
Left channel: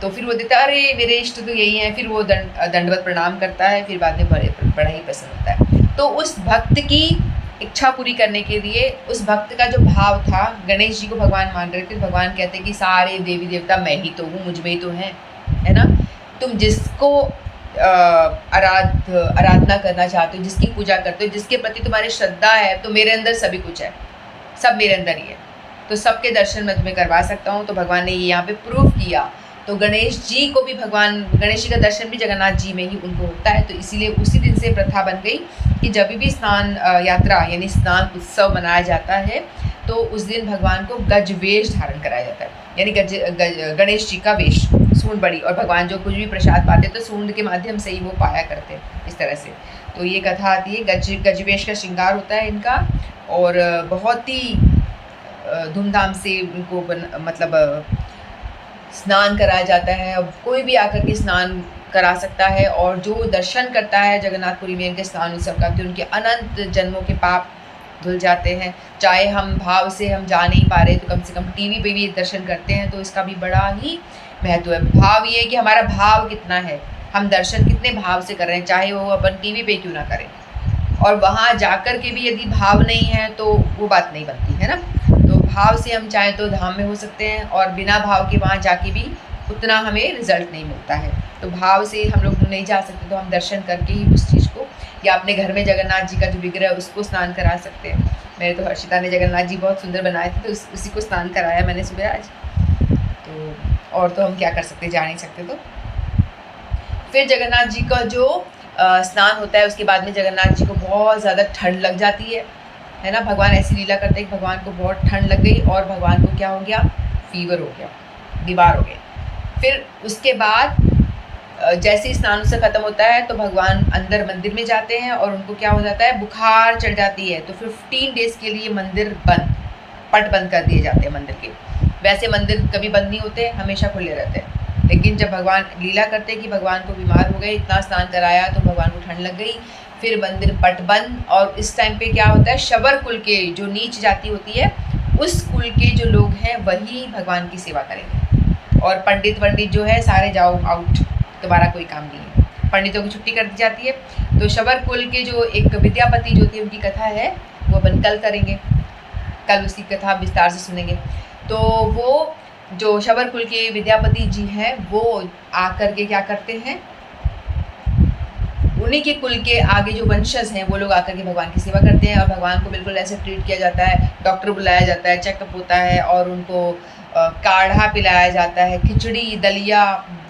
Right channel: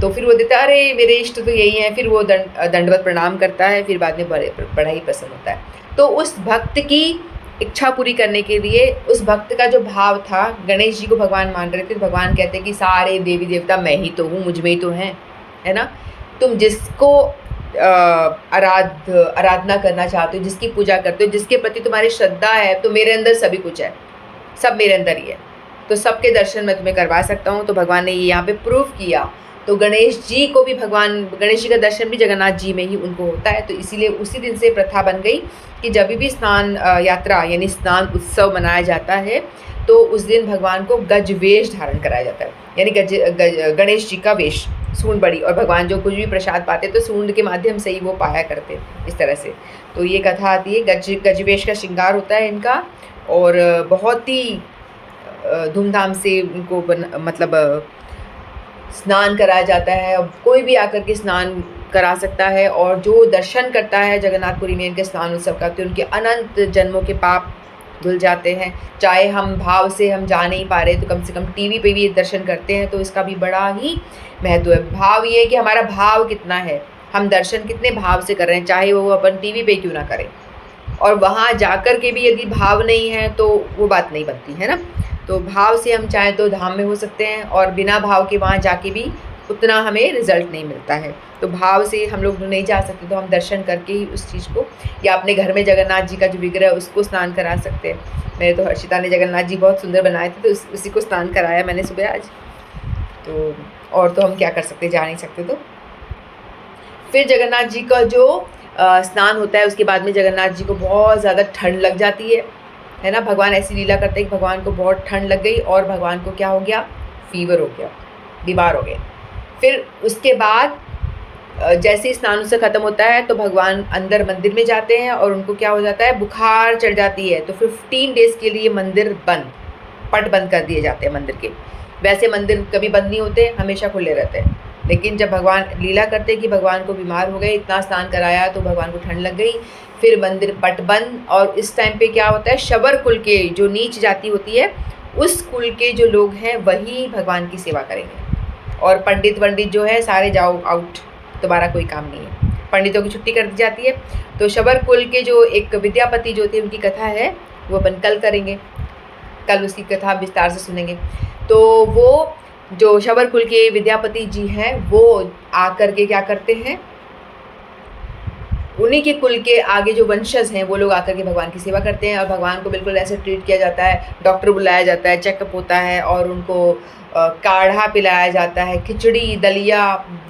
तो फिर वो देता अरे मेरे इष्ट तो यही हैं। फिर वो दंडवत प्रणाम करता है, फिर बाद में बड़ा ही प्रसन्न होता है। तो उस भक्त की इच्छा पूरी करने के लिए, उस भक्त का जो भाव था, गणेश जी को भगवान मान रहे थे, भगवान कहते हैं कि सारे देवी देवता मैं ही तो हूँ, मुझ में ही तो हैं, है ना। तुम जिसको आराधना करना चाहते हो, जिसकी पूजा करते हो, जिसके प्रति तुम्हारी श्रद्धा है, तो मेरे अंदर सभी कुछ है, सब मेरे अंदर ही है, तो सबके दर्शन मैं तुम्हें करवा सकता हूँ। तो भगवान ने ये यहाँ पे प्रूव किया। तो गणेश जी को भी गणेश जी का दर्शन भी जगन्नाथ जी में ही उनको होता है। तो इसीलिए उसी दिन से प्रथा बन गई कि जब भी स्नान यात्रा यानी स्नान उत्सव मनाया जाता है, तो उस दिन भगवान को गजवेश धारण कराया जाता है, यानी गणेश जी का वेश, सूंड बड़ी, और भगवान जो कुछ भी प्रसाद पाते तो सूंड के माध्यम से ही वो पाया करते, इस तरह से। तो ये कथा आती है, गजवेश का श्रृंगार होता है इनका, और बहुत ही धूमधाम से उनको मतलब स्नान कराया जाता है। अब कोई भी आकर के स्नान करा सकता है, और जो दर्शन करता है जगन्नाथपुरी में इनके स्नान उत्सव का, तो उनके अनंत जन्मों के पाप धुल जाते हैं। चाहे हम भाव से हम जा नहीं पा रहे, तो कम से कम टीवी पे भी दर्शन करते हैं, तो इसका भी बड़ा ही महत्व है। भाव ये है कि हमारा भाव कितना है, हम दर्शन कितने भाव से कर रहे हैं, चाहे वो अपन टीवी पे क्यों ना करें। और वहाँ जाकर के भी यदि भाव नहीं है तो वो बात नहीं बनती है ना। तो भाव से हम चाहे तो धाम में हो सकते हैं, और बिना भाव के वहाँ जाके भी उतना हमें रिज़ल्ट नहीं मिलता है। तो भाव से हम लोग नहीं जा सकते, तो हम दर्शन करके ही उस चीज़ को, या अपने घर में जगन्नाथ जी का जो विग्रह है उसको स्नान करा सकते हैं। मेरे तो हर्षिता ने जगन्नाथ जी बहुत सुंदर बनाए थे, तो उसी को स्नान कराया मैंने सुबह आज। तो और तो हम क्या कर सकते, जा नहीं सकते। तो फिर जगन्नाथ जी का जो स्नान होता है, उसके बाद में जगन्नाथ जी को बहुत ज़्यादा ठंड लग जाती है ना। भगवान ऐसी लीला करते हैं कि भगवान को बहुत ठंड लग गई और भगवान को क्या हो गया, फीवर हो गया, बीमार हो गए। फिर उसके बाद जैसे ही स्नान उससे ख़त्म होता है तो भगवान अंदर मंदिर में जाते हैं और उनको क्या हो जाता है, बुखार चढ़ जाती है। तो 15 डेज़ के लिए मंदिर बंद, पट बंद कर दिए जाते हैं मंदिर के। वैसे मंदिर कभी बंद नहीं होते, हमेशा खुले रहते हैं। लेकिन जब भगवान लीला करते कि भगवान को बीमार हो गए, इतना स्नान कराया तो भगवान को ठंड लग गई, फिर मंदिर पट बंद। और इस टाइम पे क्या होता है, शबर कुल के जो नीच जाति होती है, उस कुल के जो लोग हैं वही भगवान की सेवा करेंगे। और पंडित वंडित जो है सारे जाओ आउट, तुम्हारा कोई काम नहीं है, पंडितों की छुट्टी कर दी जाती है। तो शबर कुल के जो एक विद्यापति जो थे, उनकी कथा है वो अपन कल करेंगे, कल उसकी कथा विस्तार से सुनेंगे। तो वो जो शबर कुल के विद्यापति जी हैं, वो आकर के क्या करते हैं, उन्हीं के कुल के आगे जो वंशज हैं वो लोग आकर के भगवान की सेवा करते हैं। और भगवान को बिल्कुल ऐसे ट्रीट किया जाता है, डॉक्टर बुलाया जाता है, चेकअप होता है और उनको काढ़ा पिलाया जाता है, खिचड़ी दलिया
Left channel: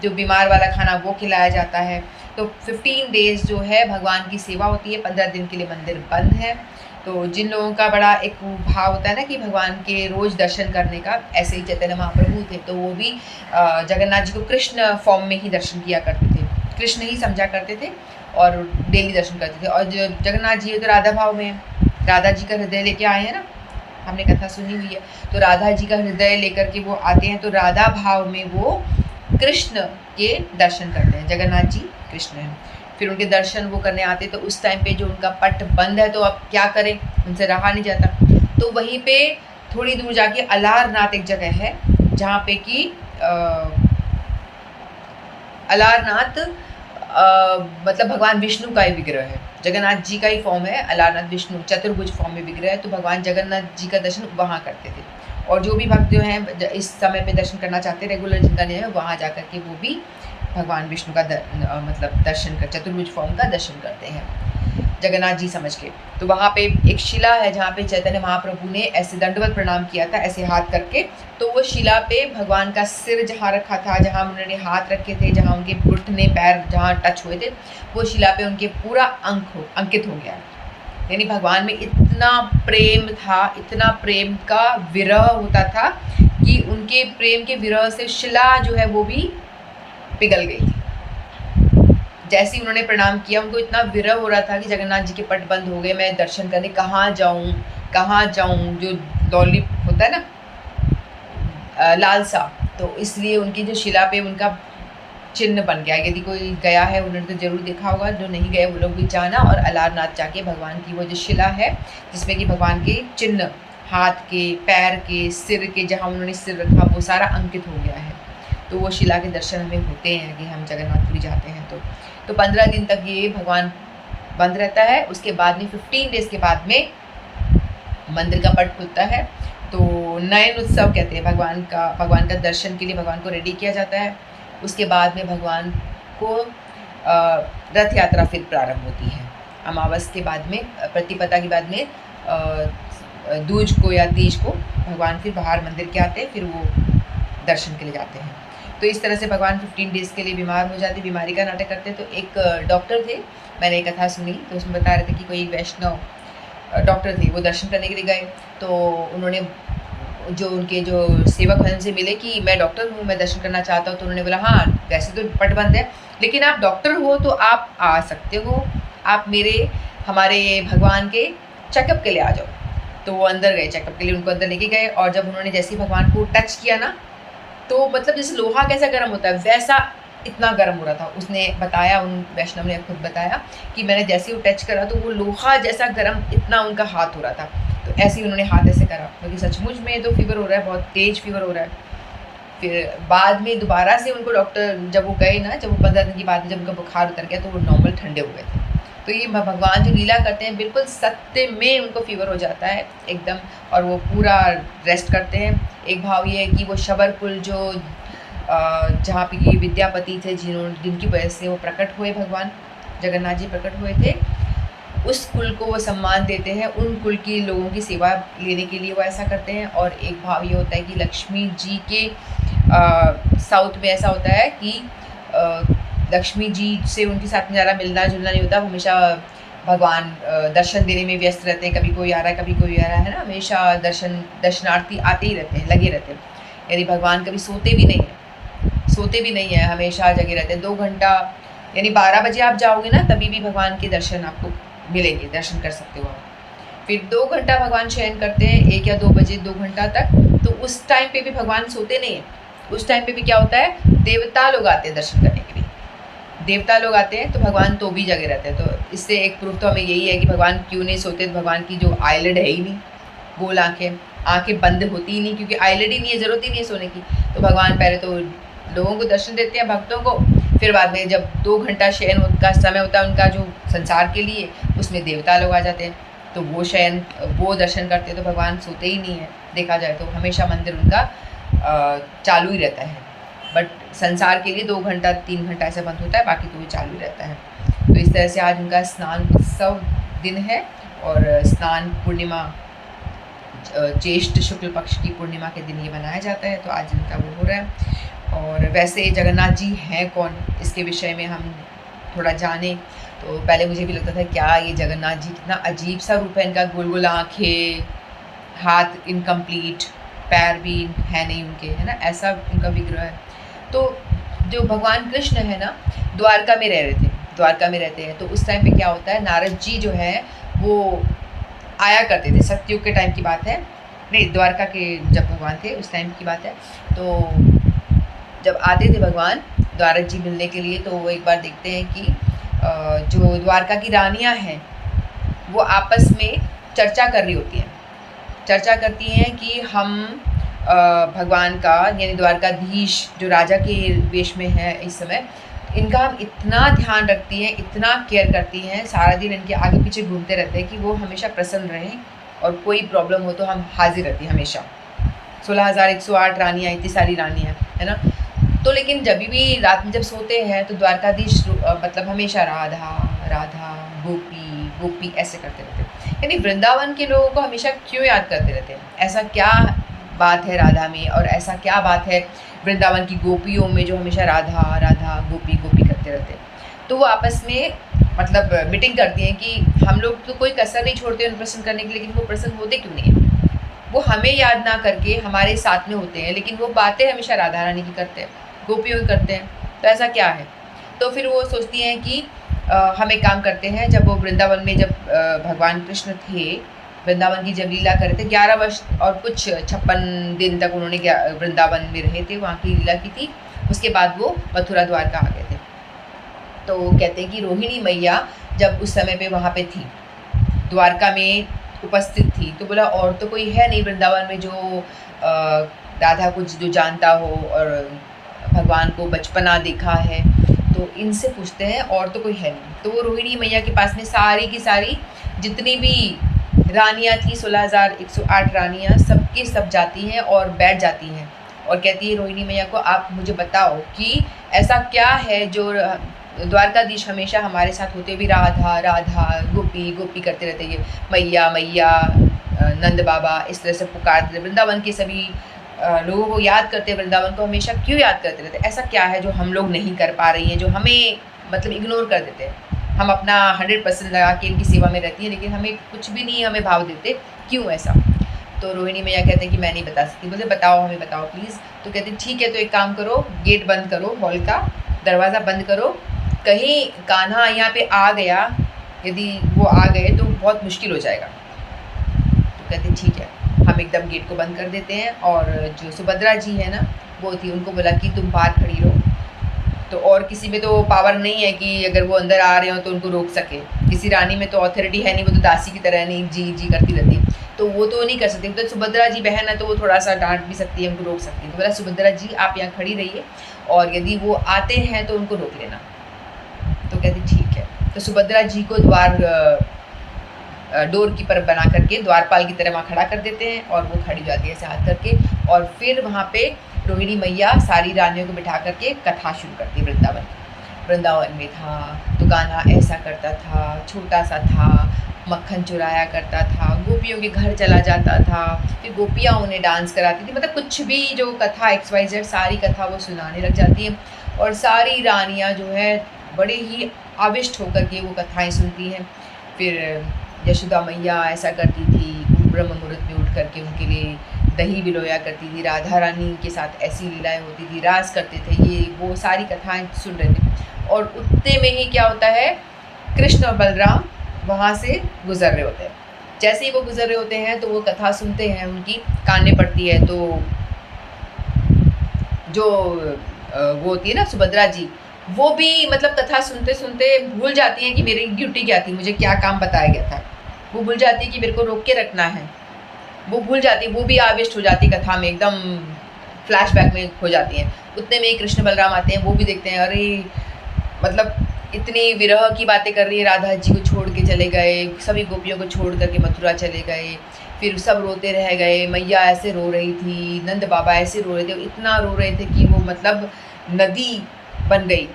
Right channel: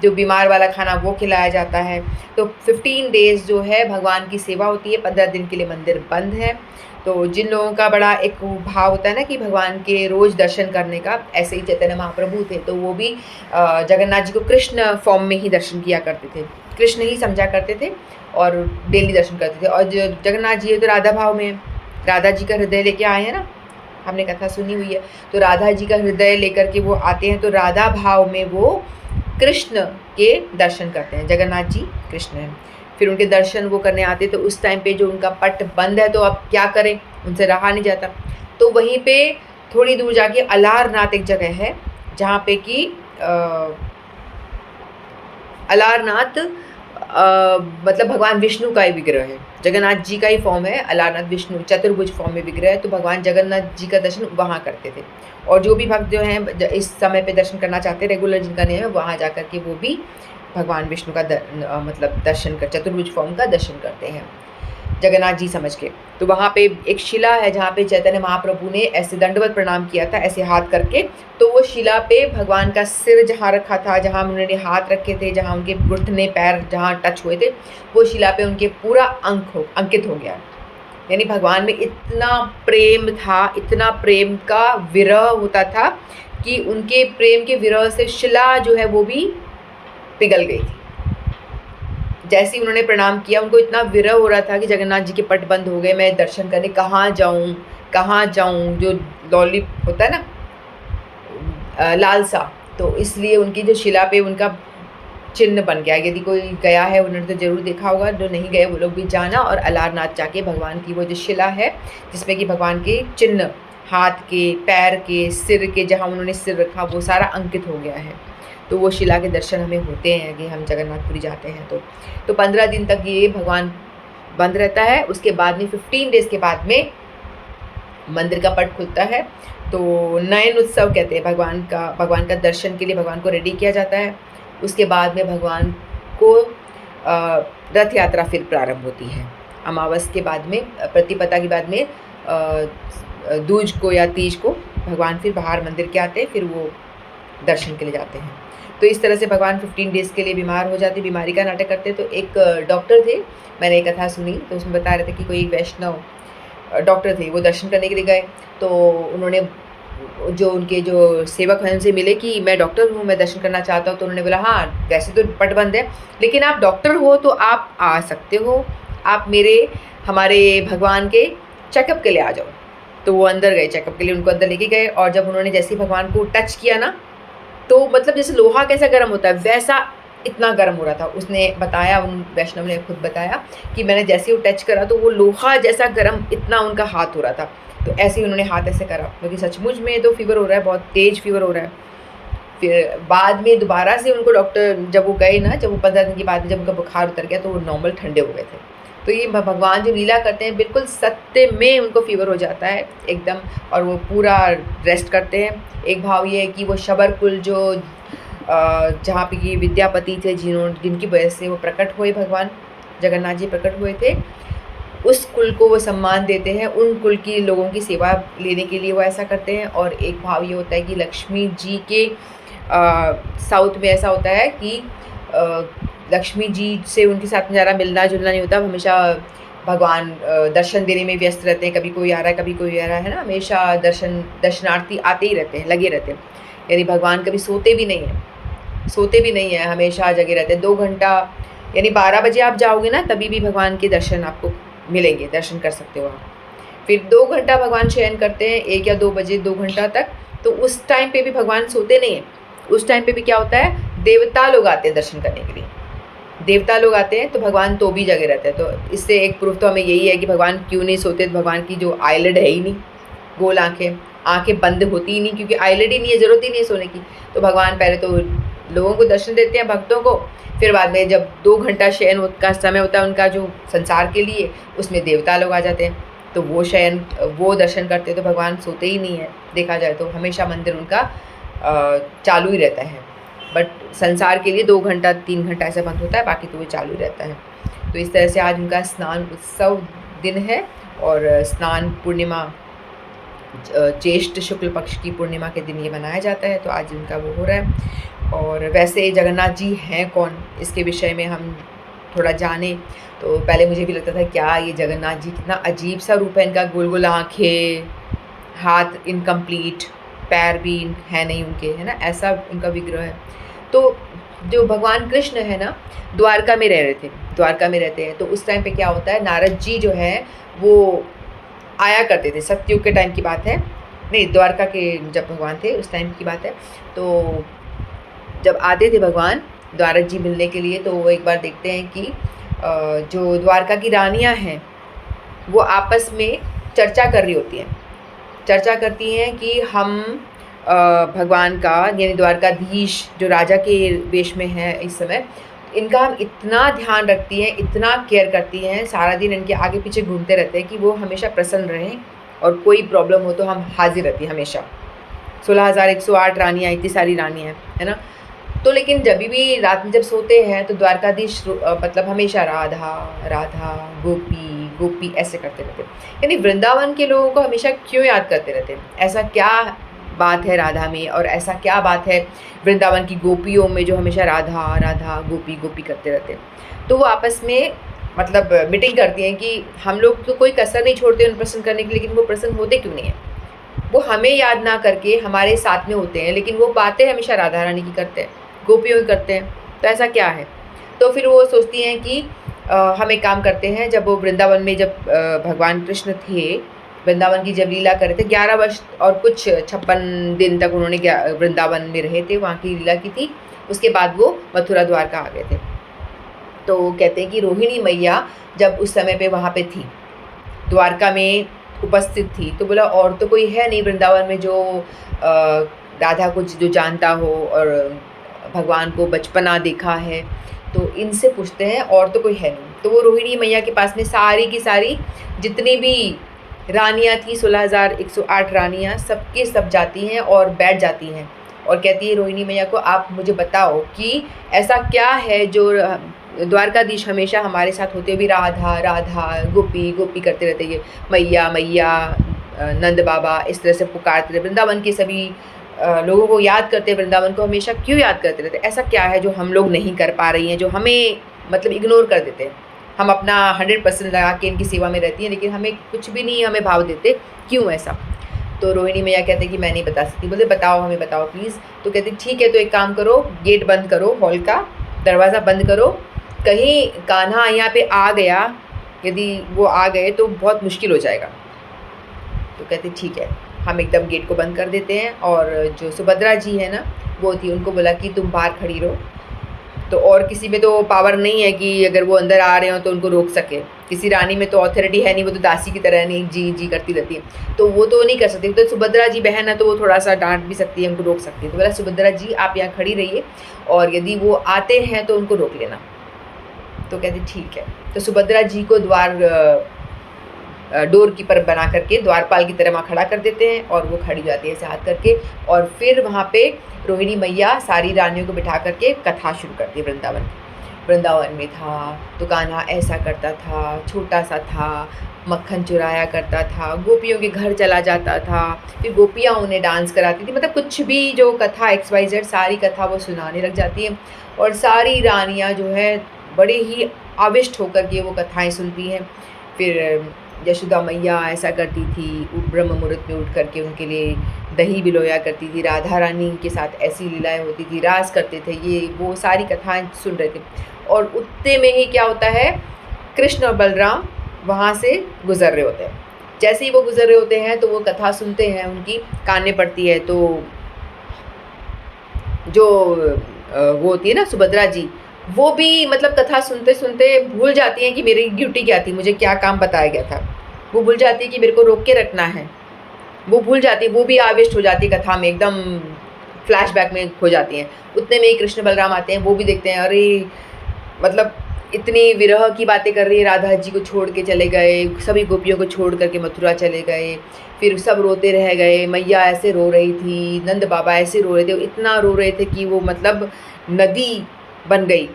जो बीमार वाला खाना वो खिलाया जाता है। तो 15 डेज़ जो है भगवान की सेवा होती है, 15 दिन के लिए मंदिर बंद है। तो जिन लोगों का बड़ा एक भाव होता है ना कि भगवान के रोज़ दर्शन करने का, ऐसे ही चैतन्य महाप्रभु थे, तो वो भी जगन्नाथ जी को कृष्ण फॉर्म में ही दर्शन किया करते थे, कृष्ण ही समझा करते थे और डेली दर्शन करते थे। और जो जगन्नाथ जी है तो राधा भाव में, राधा जी का हृदय लेके आए हैं ना, हमने कथा सुनी हुई है। तो राधा जी का हृदय लेकर के वो आते हैं, तो राधा भाव में वो कृष्ण के दर्शन करते हैं। जगन्नाथ जी कृष्ण हैं, फिर उनके दर्शन वो करने आते, तो उस टाइम पे जो उनका पट बंद है, तो अब क्या करें, उनसे रहा नहीं जाता। तो वहीं पे थोड़ी दूर जाके अलारनाथ एक जगह है, जहाँ पे कि अलारनाथ मतलब भगवान विष्णु का ही विग्रह है, जगन्नाथ जी का ही फॉर्म है अलारनाथ, विष्णु चतुर्भुज फॉर्म में विग्रह है। तो भगवान जगन्नाथ जी का दर्शन वहाँ करते थे। और जो भी भक्त जो हैं इस समय पे दर्शन करना चाहते हैं, रेगुलर जिनका नियम है, वहाँ जा कर के वो भी भगवान विष्णु का मतलब दर्शन कर, चतुर्भुज फॉर्म का दर्शन करते हैं जगन्नाथ जी समझ के। तो वहाँ पे एक शिला है जहाँ पे चैतन्य महाप्रभु ने ऐसे दंडवत प्रणाम किया था, ऐसे हाथ करके। तो वो शिला पे भगवान का सिर जहाँ रखा था, जहाँ उन्होंने हाथ रखे थे, जहाँ उनके घुटने पैर जहाँ टच हुए थे, वो शिला पे उनके पूरा अंकित हो गया। यानी भगवान में इतना प्रेम था, इतना प्रेम का विरह होता था कि उनके प्रेम के विरह से शिला जो है वो भी पिघल गई थी। जैसे ही उन्होंने प्रणाम किया, उनको इतना विरह हो रहा था कि जगन्नाथ जी के पट बंद हो गए, मैं दर्शन करने कहाँ जाऊँ, जो लॉली होता है ना लालसा, तो इसलिए उनकी जो शिला पे उनका चिन्ह बन गया। यदि कोई गया है उन्होंने तो ज़रूर देखा होगा, जो नहीं गए वो लोग भी जाना और अलारनाथ जाके भगवान की वो जो शिला है जिसमें कि भगवान के चिन्ह, हाथ के, पैर के, सिर के, जहाँ उन्होंने सिर रखा वो सारा अंकित हो गया है। तो वो शिला के दर्शन हमें होते हैं कि हम जगन्नाथपुरी जाते हैं। तो 15 दिन तक ये भगवान बंद रहता है। उसके बाद में 15 डेज़ के बाद में मंदिर का पट खुलता है। तो नयन उत्सव कहते हैं, भगवान का दर्शन के लिए भगवान को रेडी किया जाता है। उसके बाद में भगवान को रथ यात्रा फिर प्रारंभ होती है। अमावस के बाद में, प्रतिपदा के बाद में दूज को या तीज को भगवान फिर बाहर मंदिर के आते हैं, फिर वो दर्शन के लिए जाते हैं। तो इस तरह से भगवान 15 डेज़ के लिए बीमार हो जाते, बीमारी का नाटक करते। तो एक डॉक्टर थे, मैंने एक कथा सुनी, तो उसमें बता रहे थे कि कोई वैष्णव डॉक्टर थे, वो दर्शन करने के लिए गए। तो उन्होंने जो उनके जो सेवक हैं उनसे मिले कि मैं डॉक्टर हूँ, मैं दर्शन करना चाहता हूँ। तो उन्होंने बोला हाँ, वैसे तो पट बंद है, लेकिन आप डॉक्टर हो तो आप आ सकते हो, आप हमारे भगवान के चेकअप के लिए आ जाओ। तो वो अंदर गए, चेकअप के लिए उनको अंदर लेके गए। और जब उन्होंने जैसे भगवान को टच किया ना, तो मतलब जैसे लोहा कैसा गर्म होता है वैसा इतना गर्म हो रहा था। उसने बताया, उन वैष्णव ने खुद बताया कि मैंने जैसे ही वो टच करा तो वो लोहा जैसा गर्म इतना उनका हाथ हो रहा था। तो ऐसे ही उन्होंने हाथ ऐसे करा, क्योंकि सचमुच में तो फीवर हो रहा है, बहुत तेज़ फीवर हो रहा है। फिर बाद में दोबारा से उनको डॉक्टर, जब वो गए ना, जब वो 15 दिन के बाद जब उनका बुखार उतर गया तो वो नॉर्मल ठंडे हो गए थे। तो ये भगवान जो लीला करते हैं, बिल्कुल सत्य में उनको फीवर हो जाता है एकदम, और वो पूरा रेस्ट करते हैं। एक भाव ये है कि वो शबर कुल जो जहाँ पे ये विद्यापति थे जिनकी वजह से वो प्रकट हुए, भगवान जगन्नाथ जी प्रकट हुए थे, उस कुल को वो सम्मान देते हैं, उन कुल की लोगों की सेवा लेने के लिए वो ऐसा करते हैं। और एक भाव ये होता है कि लक्ष्मी जी के साउथ में ऐसा होता है कि लक्ष्मी जी से उनके साथ में ज़्यादा मिलना जुलना नहीं होता, हमेशा भगवान दर्शन देने में व्यस्त रहते हैं, कभी कोई आ रहा है कभी कोई आ रहा है ना, हमेशा दर्शनार्थी आते ही रहते हैं, लगे रहते हैं। यानी भगवान कभी सोते भी नहीं हैं, हमेशा जगे रहते हैं। 2 घंटा यानी 12 बजे आप जाओगे ना, तभी भी भगवान के दर्शन आपको मिलेंगे, दर्शन कर सकते हो आप। फिर 2 घंटा भगवान शयन करते हैं, 1 या 2 बजे 2 घंटा तक, तो उस टाइम पे भी भगवान सोते नहीं हैं। उस टाइम पे भी क्या होता है, देवता लोग आते हैं दर्शन करने के लिए, देवता लोग आते हैं, तो भगवान तो भी जगे रहते हैं। तो इससे एक प्रूफ तो हमें यही है कि भगवान क्यों नहीं सोते। तो भगवान की जो आईलिड है ही नहीं, गोल आँखें बंद होती ही नहीं, क्योंकि आईलिड ही नहीं है, ज़रूरत ही नहीं है सोने की। तो भगवान पहले तो लोगों को दर्शन देते हैं, भक्तों को, फिर बाद में जब 2 घंटा शयन का समय होता है उनका जो संसार के लिए, उसमें देवता लोग आ जाते हैं, तो वो दर्शन करते हैं। तो भगवान सोते ही नहीं है, देखा जाए तो हमेशा मंदिर उनका चालू ही रहता है। बट संसार के लिए 2 घंटा 3 घंटा ऐसा बंद होता है, बाकी तो वो चालू रहता है। तो इस तरह से आज उनका स्नान उत्सव दिन है, और स्नान पूर्णिमा ज्येष्ठ शुक्ल पक्ष की पूर्णिमा के दिन ये मनाया जाता है, तो आज इनका वो हो रहा है। और वैसे जगन्नाथ जी हैं कौन, इसके विषय में हम थोड़ा जानें। तो पहले मुझे भी लगता था क्या ये जगन्नाथ जी कितना अजीब सा रूप है इनका, गोल गोल आँखें, हाथ इनकम्प्लीट, पैर भी है नहीं उनके, है ना, ऐसा उनका विग्रह है। तो जो भगवान कृष्ण है ना, द्वारका में रहते हैं। तो उस टाइम पे क्या होता है, नारद जी जो है वो आया करते थे, सतयुग के टाइम की बात है, नहीं द्वारका के जब भगवान थे उस टाइम की बात है। तो जब आते थे भगवान नारद जी मिलने के लिए, तो वो एक बार देखते हैं कि जो द्वारका की रानियां हैं वो आपस में चर्चा कर रही होती हैं, चर्चा करती हैं कि हम भगवान का, यानी द्वारकाधीश जो राजा के वेश में है इस समय, इनका हम इतना ध्यान रखती हैं, इतना केयर करती हैं, सारा दिन इनके आगे पीछे घूमते रहते हैं कि वो हमेशा प्रसन्न रहें, और कोई प्रॉब्लम हो तो हम हाजिर रहती हैं हमेशा। 16,108 रानियाँ, इतनी सारी रानियाँ, है ना। तो लेकिन जब भी रात में जब सोते हैं तो द्वारकाधीश मतलब हमेशा राधा राधा, गोपी गोपी ऐसे करते रहते हैं। यानी वृंदावन के लोगों को हमेशा क्यों याद करते रहते हैं, ऐसा क्या बात है राधा में, और ऐसा क्या बात है वृंदावन की गोपियों में जो हमेशा राधा राधा गोपी गोपी करते रहते हैं। तो वो आपस में मतलब मीटिंग करती हैं कि हम लोग तो कोई कसर नहीं छोड़ते उन्हें प्रसन्न करने की, लेकिन वो प्रसन्न होते क्यों नहीं हैं। वो हमें याद ना करके हमारे साथ में होते हैं, लेकिन वो बातें हमेशा राधा रानी की करते हैं, गोपियों की करते हैं, तो ऐसा क्या है। तो फिर वो सोचती हैं कि हम एक काम करते हैं, जब वो वृंदावन में जब भगवान कृष्ण थे, वृंदावन की जब लीला कर रहे थे, 11 वर्ष और कुछ 56 दिन तक उन्होंने वृंदावन में रहे थे, वहाँ की लीला की थी। उसके बाद वो मथुरा द्वारका आ गए थे। तो कहते हैं कि रोहिणी मैया जब उस समय पे वहाँ पे थी, द्वारका में उपस्थित थी, तो बोला और तो कोई है नहीं वृंदावन में जो राधा को जो जानता हो और भगवान को बचपना देखा है, तो इनसे पूछते हैं, और तो कोई है नहीं। तो वो रोहिणी मैया के पास में सारी की सारी जितनी भी रानियाँ थी, 16,108 रानियाँ, सबके सब जाती हैं और बैठ जाती हैं, और कहती है रोहिणी मैया को, आप मुझे बताओ कि ऐसा क्या है जो द्वारकाधीश हमेशा हमारे साथ होते हुए भी राधा राधा गोपी गोपी करते रहते, ये मैया मैया नंद बाबा इस तरह से पुकारते रहते, वृंदावन के सभी लोगों को याद करते, वृंदावन को हमेशा क्यों याद करते रहते, ऐसा क्या है जो हम लोग नहीं कर पा रही हैं, जो हमें मतलब इग्नोर कर देते हैं। हम अपना 100% लगा के इनकी सेवा में रहती हैं, लेकिन हमें कुछ भी नहीं हमें भाव देते, क्यों ऐसा। तो रोहिणी मैया कहते हैं कि मैं नहीं बता सकती। बोले बताओ, हमें बताओ प्लीज़। तो कहते ठीक है, तो एक काम करो, गेट बंद करो, हॉल का दरवाज़ा बंद करो, कहीं कान्हा यहाँ पे आ गया, यदि वो आ गए तो बहुत मुश्किल हो जाएगा। तो कहते ठीक है, हम एकदम गेट को बंद कर देते हैं। और जो सुभद्रा जी है ना, वो थी, उनको बोला कि तुम बाहर खड़ी रहो। तो और किसी में तो पावर नहीं है कि अगर वो अंदर आ रहे हो तो उनको रोक सके, किसी रानी में तो अथॉरिटी है नहीं, वो तो दासी की तरह नहीं जी जी करती रहती है, तो वो तो नहीं कर सकती। तो सुभद्रा जी बहन है तो वो थोड़ा सा डांट भी सकती है, उनको रोक सकती है। तो बोला सुभद्रा जी आप यहाँ खड़ी रहिए, और यदि वो आते हैं तो उनको रोक लेना। तो कहती ठीक है। तो सुभद्रा जी को द्वार डोर कीपर बना करके द्वारपाल की तरह वहाँ खड़ा कर देते हैं और वो खड़ी हो जाती है ऐसे हाथ करके। और फिर वहाँ पे रोहिणी मैया सारी रानियों को बिठा करके कथा शुरू करती है वृंदावन की। वृंदावन में था तो गाना ऐसा करता था, छोटा सा था, मक्खन चुराया करता था, गोपियों के घर चला जाता था, फिर गोपियाँ उन्हें डांस कराती थी। मतलब कुछ भी जो कथा XYZ सारी कथा वो सुनाने लग जाती हैं और सारी रानियाँ जो है बड़े ही आविष्ट होकर के वो कथाएँ सुनती हैं। फिर यशोदा मैया ऐसा करती थी, ब्रह्म मुहूर्त में उठ करके उनके लिए दही बिलोया करती थी, राधा रानी के साथ ऐसी लीलाएँ होती थी, रास करते थे, ये वो सारी कथाएँ सुन रहे थे। और उतने में ही क्या होता है, कृष्ण और बलराम वहाँ से गुज़र रहे होते हैं। जैसे ही वो गुज़र रहे होते हैं तो वो कथा सुनते हैं, उनकी कान में पड़ती है। तो जो वो होती है ना सुभद्रा जी, वो भी मतलब कथा सुनते सुनते भूल जाती हैं कि मेरी ड्यूटी क्या थी, मुझे क्या काम बताया गया था। वो भूल जाती है कि मेरे को रोक के रखना है, वो भूल जाती है, वो भी आविष्ट हो जाती है कथा में, एकदम फ्लैशबैक में खो जाती हैं। उतने में ही कृष्ण बलराम आते हैं, वो भी देखते हैं अरे मतलब इतनी विरह की बातें कर रही है, राधा जी को छोड़ के चले गए, सभी गोपियों को छोड़ करके मथुरा चले गए, फिर सब रोते रह गए, मैया ऐसे रो रही थी, नंद बाबा ऐसे रो रहे थे, इतना रो रहे थे कि वो मतलब नदी बन गई।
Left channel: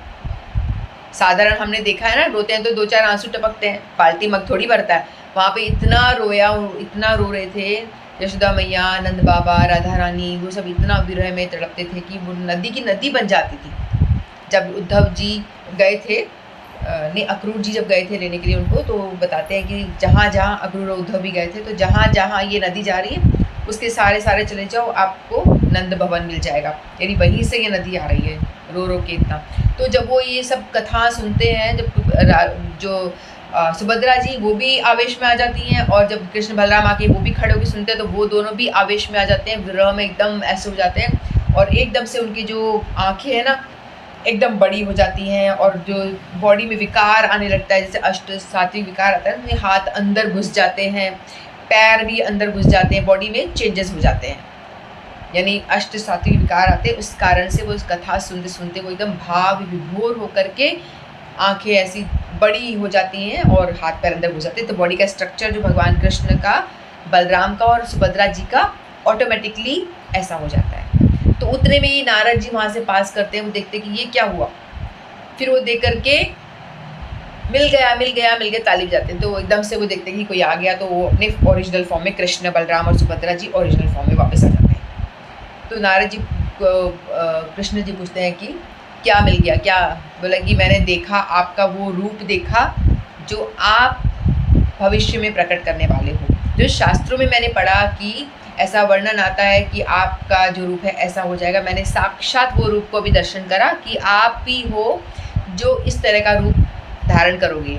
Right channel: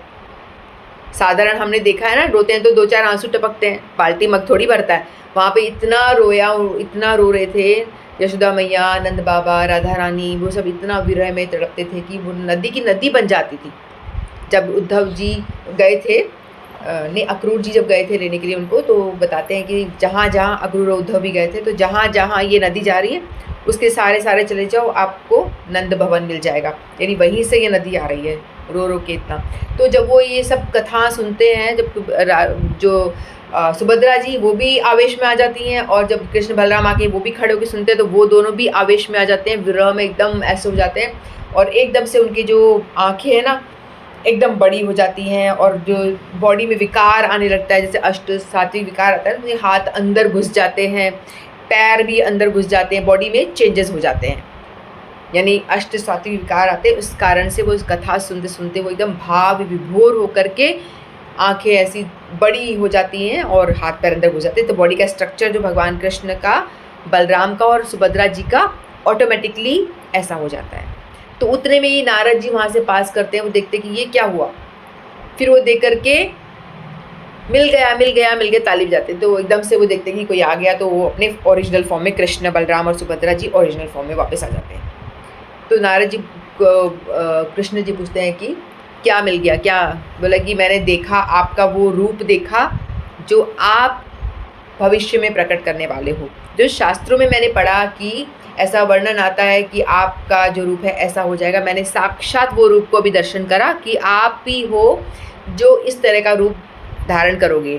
साधारण हमने देखा है ना, रोते हैं तो 2-4 आंसू टपकते हैं, बाल्टी मग थोड़ी भरता है। वहाँ पे इतना रोया, इतना रो रहे थे यशोदा मैया, नंद बाबा, राधा रानी, वो सब इतना विरह में तड़पते थे कि वो नदी की नदी बन जाती थी। जब उद्धव जी गए थे नहीं, अक्रूर जी जब गए थे लेने के लिए उनको, तो बताते हैं कि जहाँ जहाँ अक्रूर और उद्धव भी गए थे, तो जहाँ जहाँ ये नदी जा रही है उसके सारे सारे चले जाओ, आपको नंद भवन मिल जाएगा, यानी वहीं से ये नदी आ रही है, रो रो के इतना। तो जब वो ये सब कथा सुनते हैं, जब जो सुभद्रा जी वो भी आवेश में आ जाती हैं, और जब कृष्ण बलराम आके वो भी खड़े होकर सुनते हैं तो वो दोनों भी आवेश में आ जाते हैं, विरह में एकदम ऐसे हो जाते हैं, और एकदम से उनकी जो आँखें हैं ना एकदम बड़ी हो जाती हैं, और जो बॉडी में विकार आने लगता है, जैसे अष्ट सात्विक विकार आता है, तो हाथ अंदर घुस जाते हैं, पैर भी अंदर घुस जाते हैं, बॉडी में चेंजेस हो जाते हैं, यानी अष्ट सात्विक विकार आते हैं। उस कारण से वो इस कथा सुनते सुनते वो एकदम भाव विभोर होकर के आंखें ऐसी बड़ी हो जाती हैं और हाथ पैर अंदर घुस जाते हैं। तो बॉडी का स्ट्रक्चर जो भगवान कृष्ण का, बलराम का और सुभद्रा जी का ऑटोमेटिकली ऐसा हो जाता है। तो उतने में ही नारद जी वहाँ से पास करते हैं, वो देखते हैं कि ये क्या हुआ, फिर वो देख करके मिल गया ताली बजाते हैं। तो एकदम से वो देखते हैं कि कोई आ गया, तो वो अपने ओरिजिनल फॉर्म में, कृष्ण बलराम और सुभद्रा जी ओरिजिनल फॉर्म में वापस आ जाते हैं। तो नारद जी कृष्ण जी पूछते हैं कि क्या मिल गया, क्या? बोला कि मैंने देखा, आपका वो रूप देखा जो आप भविष्य में प्रकट करने वाले हो। जो शास्त्रों में मैंने पढ़ा कि ऐसा वर्णन आता है कि आपका जो रूप है ऐसा हो जाएगा, मैंने साक्षात वो रूप को भी दर्शन करा कि आप ही हो जो इस तरह का रूप धारण करोगे।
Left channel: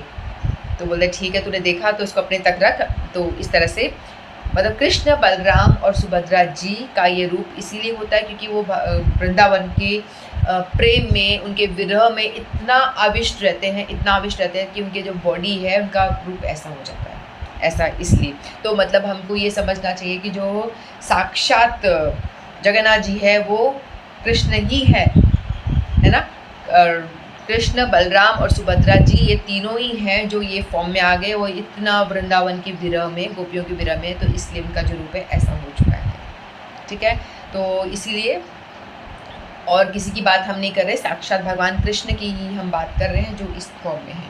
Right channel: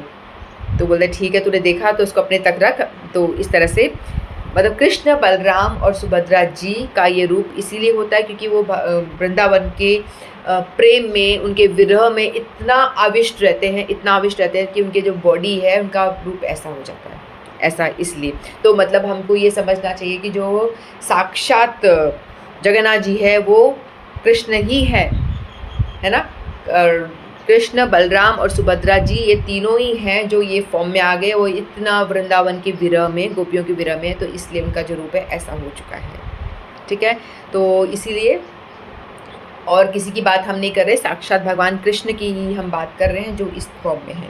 तो बोलते ठीक है, तूने देखा तो उसको अपने तक रख। तो इस तरह से मतलब कृष्ण बलराम और सुभद्रा जी का ये रूप इसीलिए होता है क्योंकि वो वृंदावन के प्रेम में, उनके विरह में इतना आविष्ट रहते हैं कि उनके जो बॉडी है उनका रूप ऐसा हो जाता है, ऐसा इसलिए। तो मतलब हमको ये समझना चाहिए कि जो साक्षात जगन्नाथ जी है वो कृष्ण ही है ना। और कृष्ण बलराम और सुभद्रा जी ये तीनों ही हैं जो ये फॉर्म में आ गए, वो इतना वृंदावन के विरह में, गोपियों के विरह में, तो इसलिए उनका जो रूप है ऐसा हो चुका है। ठीक है, तो इसीलिए और किसी की बात हम नहीं कर रहे, साक्षात भगवान कृष्ण की ही हम बात कर रहे हैं जो इस फॉर्म में है।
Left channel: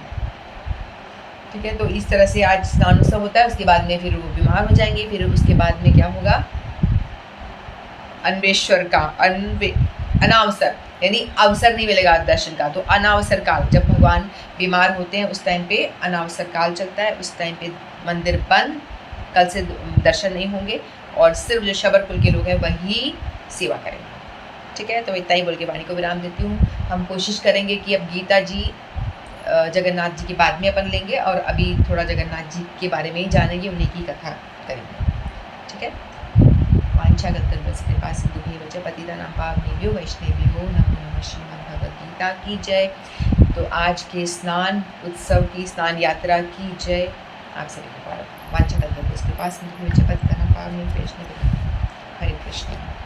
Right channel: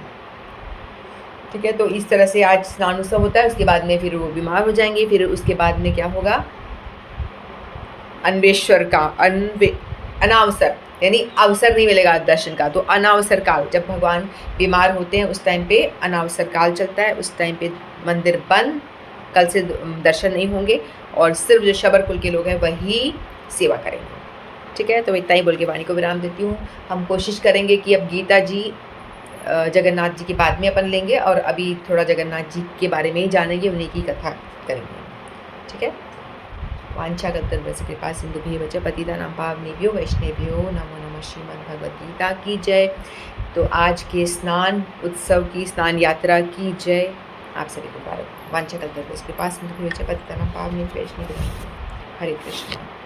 ठीक है, तो इस तरह से आज स्नान उत्सव होता है। उसके बाद में फिर वो बीमार हो जाएंगे, फिर उसके बाद में क्या होगा, अन्वेश्वर का अनावसर, यानी अवसर नहीं मिलेगा दर्शन का, तो अनावसर काल, जब भगवान बीमार होते हैं उस टाइम पे अनावसर काल चलता है, उस टाइम पे मंदिर बंद, कल से दर्शन नहीं होंगे, और सिर्फ जो शबर कुल के लोग हैं वही सेवा करेंगे। ठीक है, तो इतना ही बोल के वाणी को विराम देती हूँ। हम कोशिश करेंगे कि अब गीता जी जगन्नाथ जी के बाद में अपन लेंगे, और अभी थोड़ा जगन्नाथ जी के बारे में ही जानेंगे, उन्हीं की कथा करेंगे। ठीक है, वांछा गंतव्यस्य कृपा सिंधुभ्येव च पतितानां पावनेभ्यो वैष्णवेभ्यो नमो नमः। श्रीमद् भगवद गीता की जय। तो आज के स्नान उत्सव की, स्नान यात्रा की जय आप सभी को। वांछा गंतव्यस्य कृपा सिंधुभ्येव च पतितानां पावनेभ्यो वैष्णवेभ्यो। हरे कृष्ण।